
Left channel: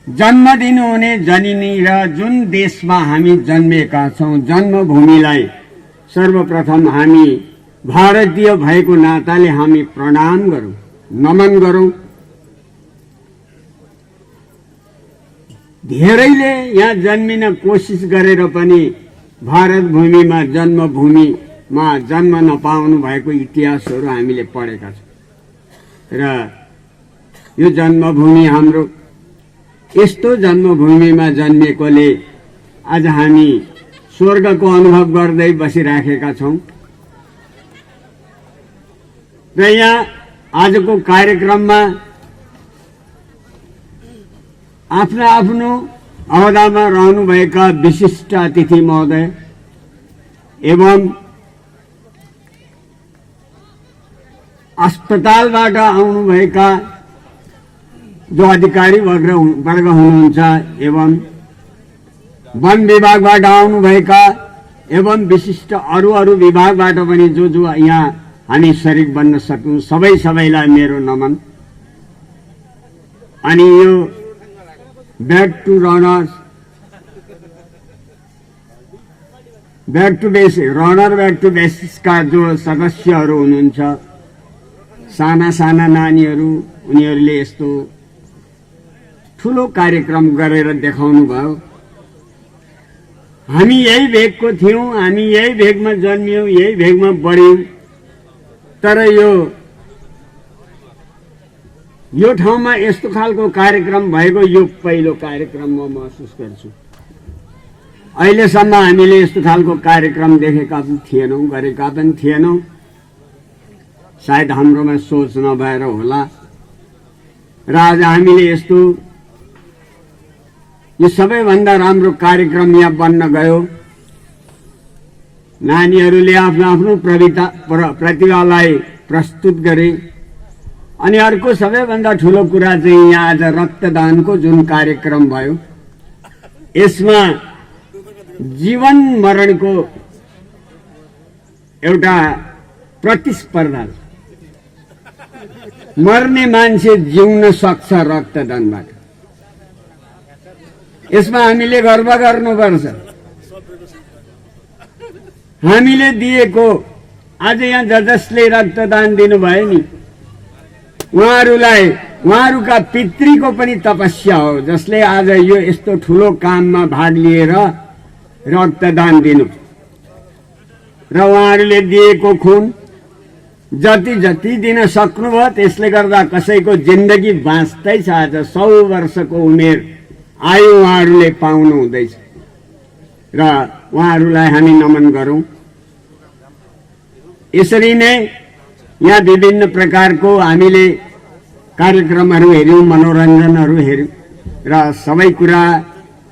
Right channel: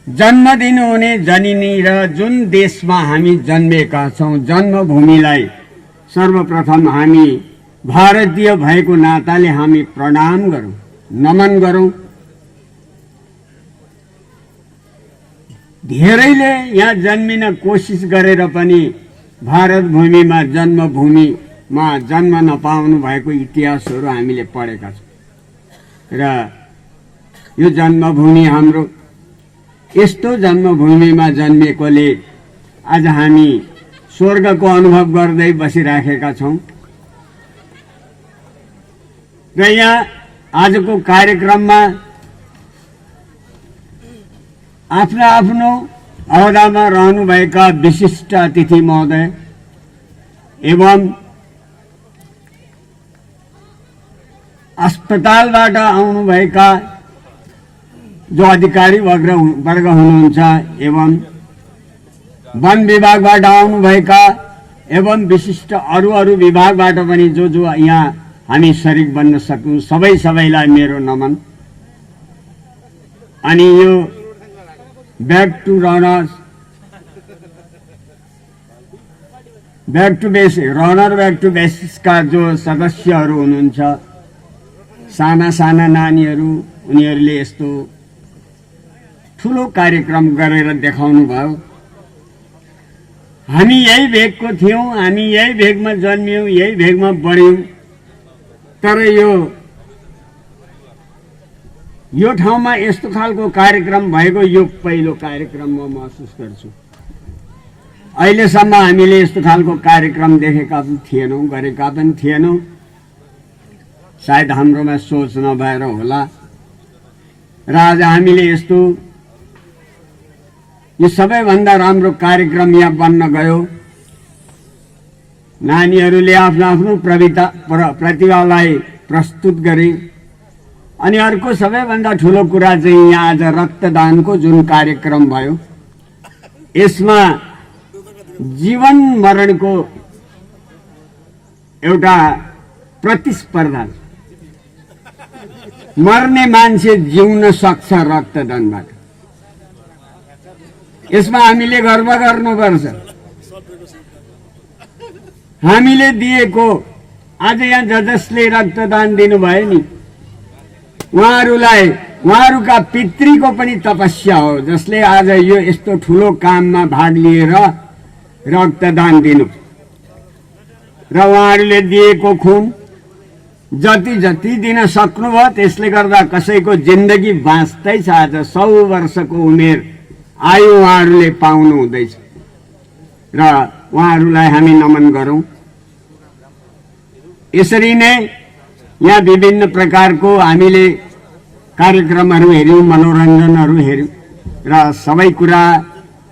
जन्म दिनुहुने जननी र जुन देशमा हामी जन्मेका छौं जन्मभूमिलाई सर्वप्रथम हामी भारतीय भएको नाताले हामी प्रणाम गरौं, नमन गरौं। धेरैले यहाँ जन्मिन कोसिस गरेर पनि भारत भूमिमा जन्मभूमिमा जन्म नपाउनु भएको इतिहासहरू हामीले पढेका छौं र यो जन्मभूमि हाम्रो यस्तो जन्मभूमिमा जन्मेकोले आज हामी स्वर्गको अनुभव गर्दै बसिराखेका छौं। र यहाँ आजको कार्यक्रममा आफ्नो आफ्नो अहोदामा रहनुभएका विशिष्ट अतिथि महोदय एवं अस्पतालबाट आउनुभएका जो अधिकारी वर्ग हुनुहुन्छ एवं वन विभागबाट आउनुभएका एवं विशिष्ट अरू विभागबाट पनि जो यहाँ हामी शरीक बन्न सकौं सबैलाई मेरो नमन। अनि यो back to runners back to बेसिक्सका जो सदस्यहरू हुनुहुन्छ, साना साना नानीहरू, उनीहरूले यस्तो ठुलो कार्यक्रम गरेर देखाउनु भयो। हामी यही भेगको थियौं, हामी यही भेगमा जन्मियौं, यही भेगमा बढ्यौं, तर यो ठाउँमा यस्तो खालको कार्यक्रम भएको यो पहिलो कार्यक्रम म महसुस गर्छु। अहिलेसम्म हामीले यस्तो खालको कार्यक्रम देखेका पनि थिएनौं, गरेका पनि थिएनौं। सायद हाम्रोमा सोच नभएर होला र आज हामीले यस्तो यो सबैभन्दा राम्रो कार्यक्रम यहाँ बन्न गयो। नानीहरूले आफ्नो आफ्नो प्रतिभालाई प्रस्तुत गरे। अनि अर्को सबैभन्दा ठूलो कुरा चाहिँ यहाँ आज रक्तदानको जुन कार्यक्रम भयो, यसमा जीवन मरणको एउटा प्रतिस्पर्धा। मर्ने मान्छे जिउन सक्छ रक्तदानबाट। यसमा हामीले गर्व गर्नुपर्छ। हामीले दिएको आज यहाँ जसले रक्तदान दिनुभयो नि, उहाँहरूका पितृको पनि तपस्या हो, जसले आज यो यस्तो ठूलो काममा भाग लिएर रक्तदान दिनु। र उहाँहरूले दिएको खुन जति जति दिन सक्नुभयो, त्यसले गर्दा कसैको जिन्दगी बाँच्दै छ। आज 100 वर्षको उमेर आयु उहाँहरूले पाउनु हुँदैछ र उहाँहरूलाई हामी नमन गरौँ। यसरी नै यहाँ विभिन्न प्रकारको हामीले कार्यक्रमहरू हेऱ्यौँ, मनोरञ्जनहरू हेऱ्यौँ र सबै कुरा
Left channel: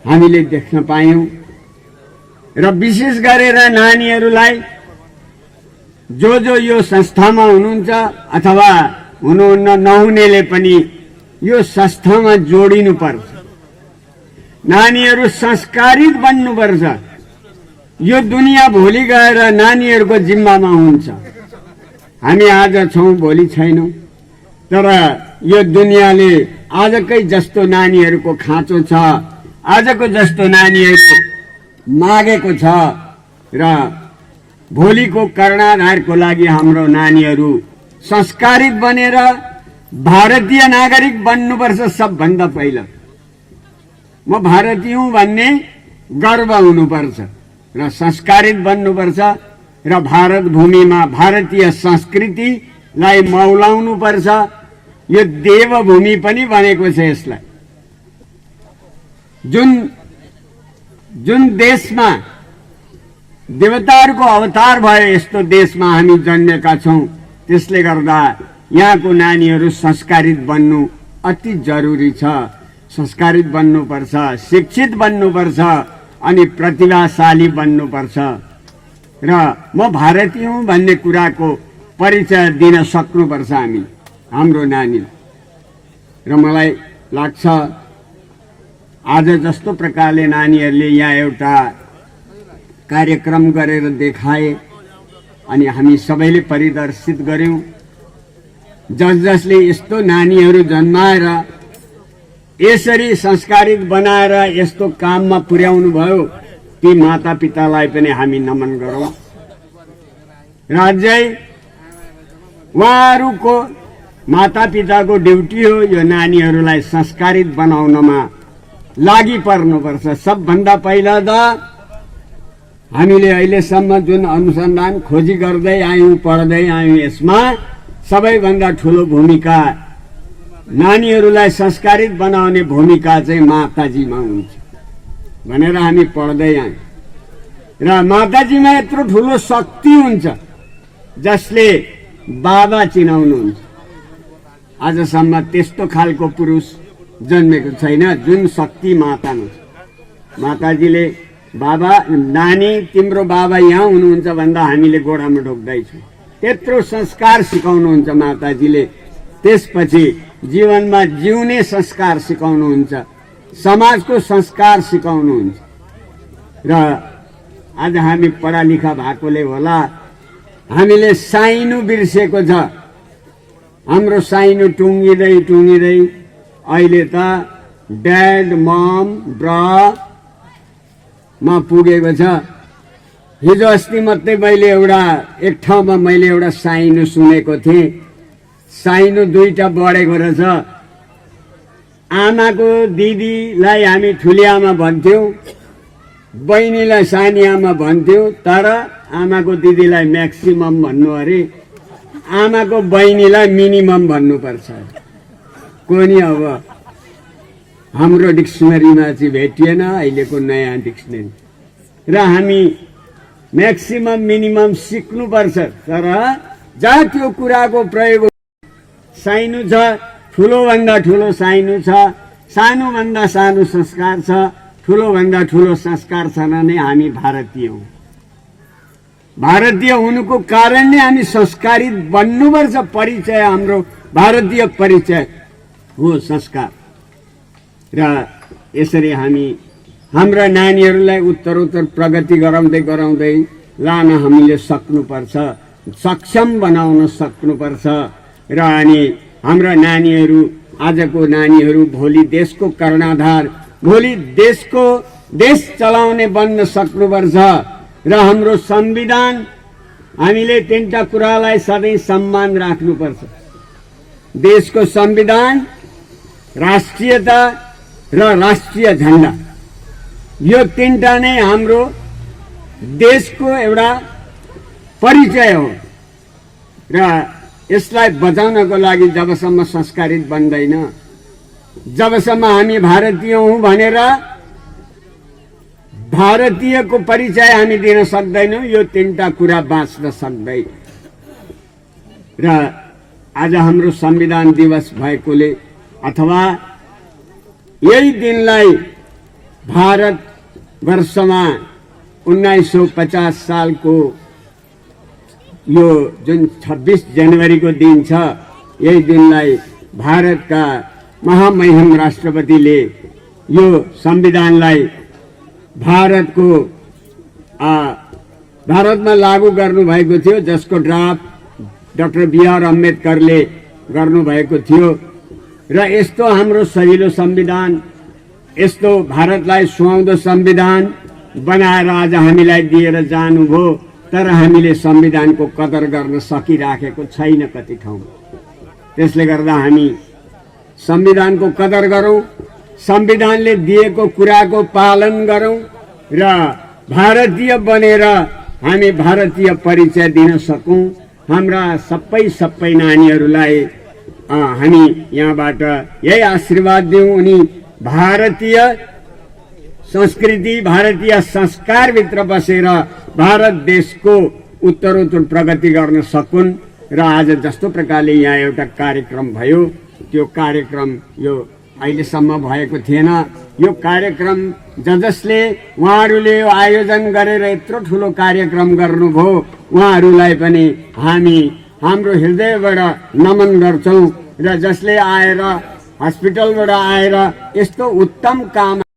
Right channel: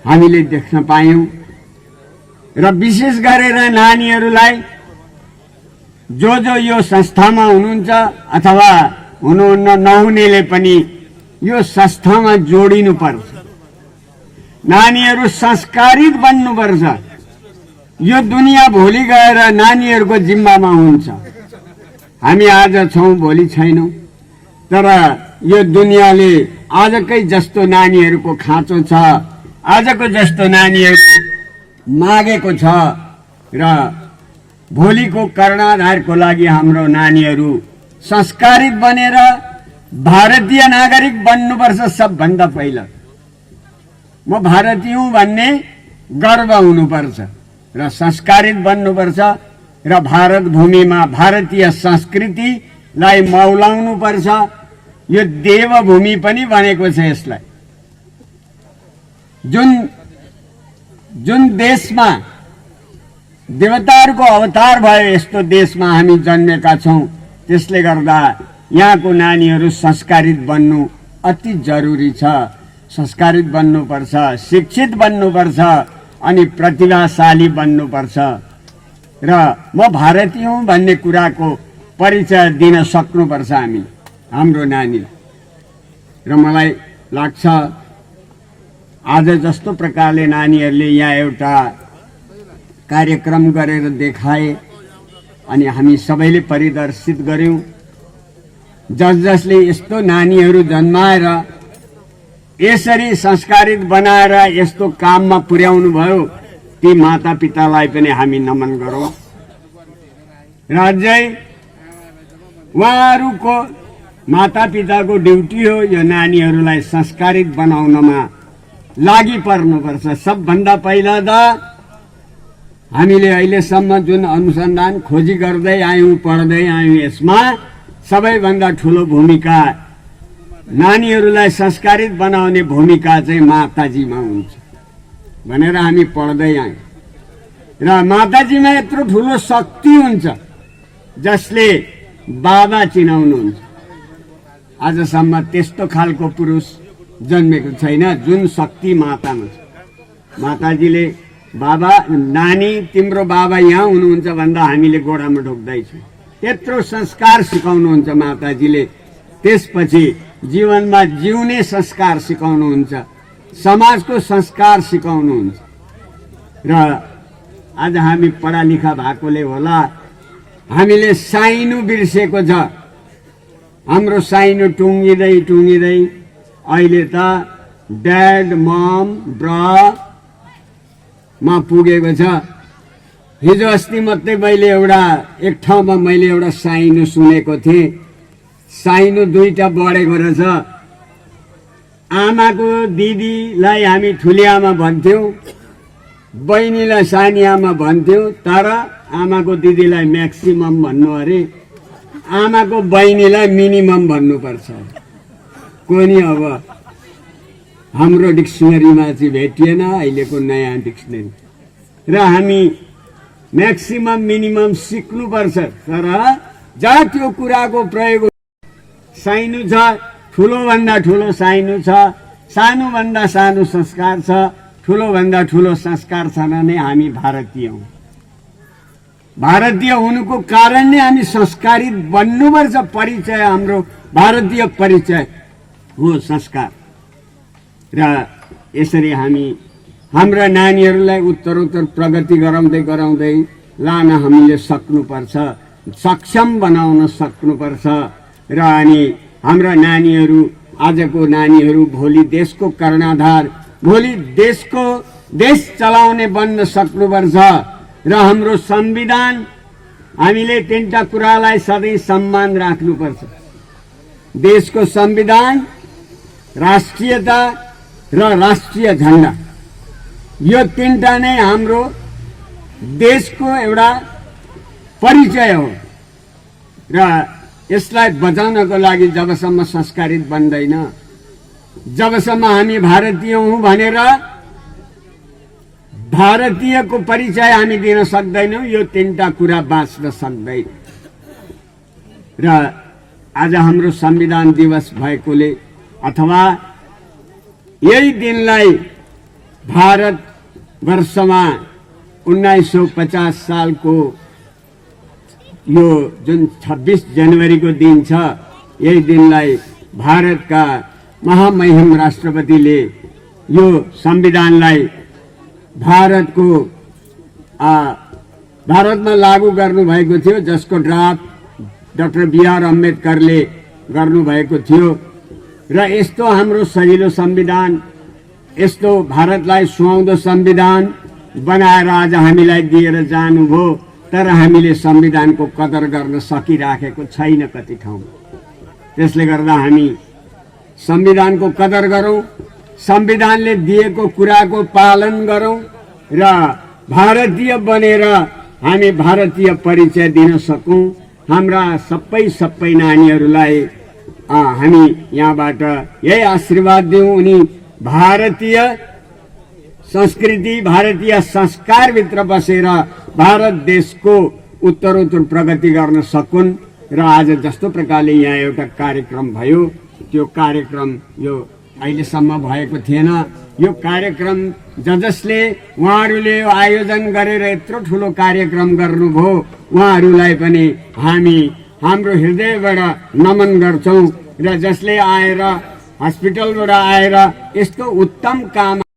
हामीले देख्न पायौँ। र विशेष गरेर नानीहरूलाई जो यो संस्थामा हुनुहुन्छ अथवा हुनुहुन्न नहुनेले पनि यो संस्थामा जोडिनुपर्छ। नानीहरू संस्कारित बन्नुपर्छ। यो दुनियाँ भोलि गएर नानीहरूको जिम्मामा हुन्छ। हामी आज छौँ, भोलि छैनौँ, तर यो दुनियाँले आजकै जस्तो नानीहरूको खाँचो छ, आजको जस्तो नानीहरू मागेको छ र भोलिको कर्णाधारको लागि हाम्रो नानीहरू संस्कारित बनेर भारतीय नागरिक बन्नुपर्छ। सबभन्दा पहिला म भारतीय हुँ भन्ने गर्व हुनुपर्छ र संस्कारित बन्नुपर्छ र भारत भूमिमा भारतीय संस्कृतिलाई मौलाउनुपर्छ। यो देवभूमि पनि बनेको छ। यसलाई जुन देशमा देवताहरूको अवतार भयो, यस्तो देशमा हामी जन्मेका छौँ। त्यसले गर्दा यहाँको नानीहरू संस्कारित बन्नु अति जरुरी छ। संस्कारित बन्नुपर्छ, शिक्षित बन्नुपर्छ अनि प्रतिभाशाली बन्नुपर्छ र म भारतीय हुँ भन्ने कुराको परिचय दिन सक्नुपर्छ हामी हाम्रो नानीलाई। र मलाई लाग्छ आज जस्तो प्रकारले नानीहरूले यहाँ एउटा कार्यक्रम गरेर देखाए अनि हामी सबैले परिदर्शित गर्यौं। जसले यस्तो नानीहरू जन्माएर यसरी संस्कारित बनाएर यस्तो काममा पुर्याउनु भयो, ती माता पितालाई पनि हामी नमन गरौँ। र अझै उहाँहरूको माता पिताको ड्युटी हो यो नानीहरूलाई संस्कारित बनाउनमा लागि पर्नुपर्छ। सबभन्दा पहिला त हामीले अहिलेसम्म जुन अनुसन्धान खोजी गर्दै आयौं, पढ्दै आयौं, यसमा सबैभन्दा ठूलो भूमिका नानीहरूलाई संस्कारित बनाउने भूमिका चाहिँ माताजीमा हुन्छ भनेर हामी पढ्दै आयौं। र माताजीमा यत्रो ठूलो शक्ति हुन्छ जसले बाबा चिनाउनुहुन्छ। आजसम्म त्यस्तो खालको पुरुष जन्मेको छैन जुन शक्ति मातामा छ। माताजीले बाबा, नानी तिम्रो बाबा यहाँ हुनुहुन्छ भन्दा हामीले गोडामा ढोक्दैछौँ। त्यत्रो संस्कार सिकाउनुहुन्छ माताजीले। त्यसपछि जीवनमा जिउने संस्कार सिकाउनुहुन्छ, समाजको संस्कार सिकाउनुहुन्छ। र आज हामी पढा लेखा भएकोले होला हामीले साइनो बिर्सेको छ। हाम्रो साइनो टुङ्गिँदै अहिले त ड्याड मम ब्र मा पुगेको छ। हिजो अस्ति मात्रै मैले एक ठाउँमा मैले एउटा साइनो सुनेको थिएँ। साइनो 2टा बढेको रहेछ। आमाको दिदीलाई हामी ठुली आमा भन्थ्यौं, बहिनीलाई सानी आमा भन्थ्यौं, तर आमाको दिदीलाई म्याक्सिमम भन्नु अरे, आमाको बहिनीलाई मिनिमम भन्नुपर्छ। कोनी अब हाम्रो डिक्सनरीमा चाहिँ भेटिएन अहिलेको नयाँ डिक्सनरी। र हामी म्याक्सिमम मिनिमम सिक्नुपर्छ। तर जहाँ त्यो कुराको प्रयोग साइनो छ, ठुलोभन्दा ठुलो साइनो छ, सानोभन्दा सानो संस्कार छ, ठुलोभन्दा ठुलो संस्कार छैन नै हामी भारतीय हौं। भारतीय हुनुको कारण नै हामी संस्कारित बन्नुपर्छ। परिचय हाम्रो भारतीय परिचय हो संस्कार। र यसरी हामी हाम्रा नानीहरूलाई उत्तरोत्तर प्रगति गराउँदै लान हामीले सक्नुपर्छ, सक्षम बनाउन सक्नुपर्छ। र अनि हाम्रा नानीहरू, आजको नानीहरू भोलि देशको कर्णधार, भोलि देश चलाउने बन्न सक्नुपर्छ। र हाम्रो संविधान, हामीले 3टा कुरालाई सधैँ सम्मान राख्नुपर्छ। देशको संविधान, राष्ट्रियता र राष्ट्रिय झण्डा, यो 3टा नै हाम्रो देशको एउटा परिचय हो र यसलाई बचाउनको लागि जबसम्म संस्कारित बन्दैन, जबसम्म हामी भारतीय हौँ भनेर भारतीयको परिचय हामी दिन सक्दैनौँ, यो तीनटा कुरा बाँच्न सक्दैन। र आज हाम्रो संविधान दिवस भएकोले अथवा यही दिनलाई भारत वर्षमा 1950 सालको यो जुन 26 जनवरीको दिन छ, यही दिनलाई भारतका महामहिम राष्ट्रपतिले यो संविधानलाई भारतमा लागू गर्नुभएको थियो, जसको ड्राफ्ट डाक्टर बी.आर. अम्बेडकरले गर्नुभएको थियो। र यस्तो हाम्रो सजिलो संविधान, यस्तो भारतलाई सुहाउँदो संविधान बनाएर आज हामीलाई दिएर जानुभयो, तर हामीले संविधानको कदर गर्न सकिराखेको छैन कति ठाउँमा। त्यसले गर्दा हामी संविधानको कदर गरौँ, संविधानले दिएको कुराको पालन गरौँ र भारतीय बनेर हामी भारतीय परिचय दिन सकौँ। हाम्रा सबै नानीहरूलाई हामी यहाँबाट यही आशीर्वाद दिउँ, उनी भारतीय संस्कृति, भारतीय संस्कारभित्र बसेर भारत देशको उत्तरोत्तर प्रगति गर्न सकुन्। र आज जस्तो प्रकारले यहाँ एउटा कार्यक्रम भयो, त्यो कार्यक्रम यो अहिलेसम्म भएको थिएन। यो कार्यक्रम जसले उहाँहरूले आयोजन गरेर यत्रो ठुलो कार्यक्रम गर्नुभयो, उहाँहरूलाई पनि हामी हाम्रो हृदयबाट नमन गर्छौँ। र जसले आएर हस्पिटलबाट आएर यस्तो उत्तम काम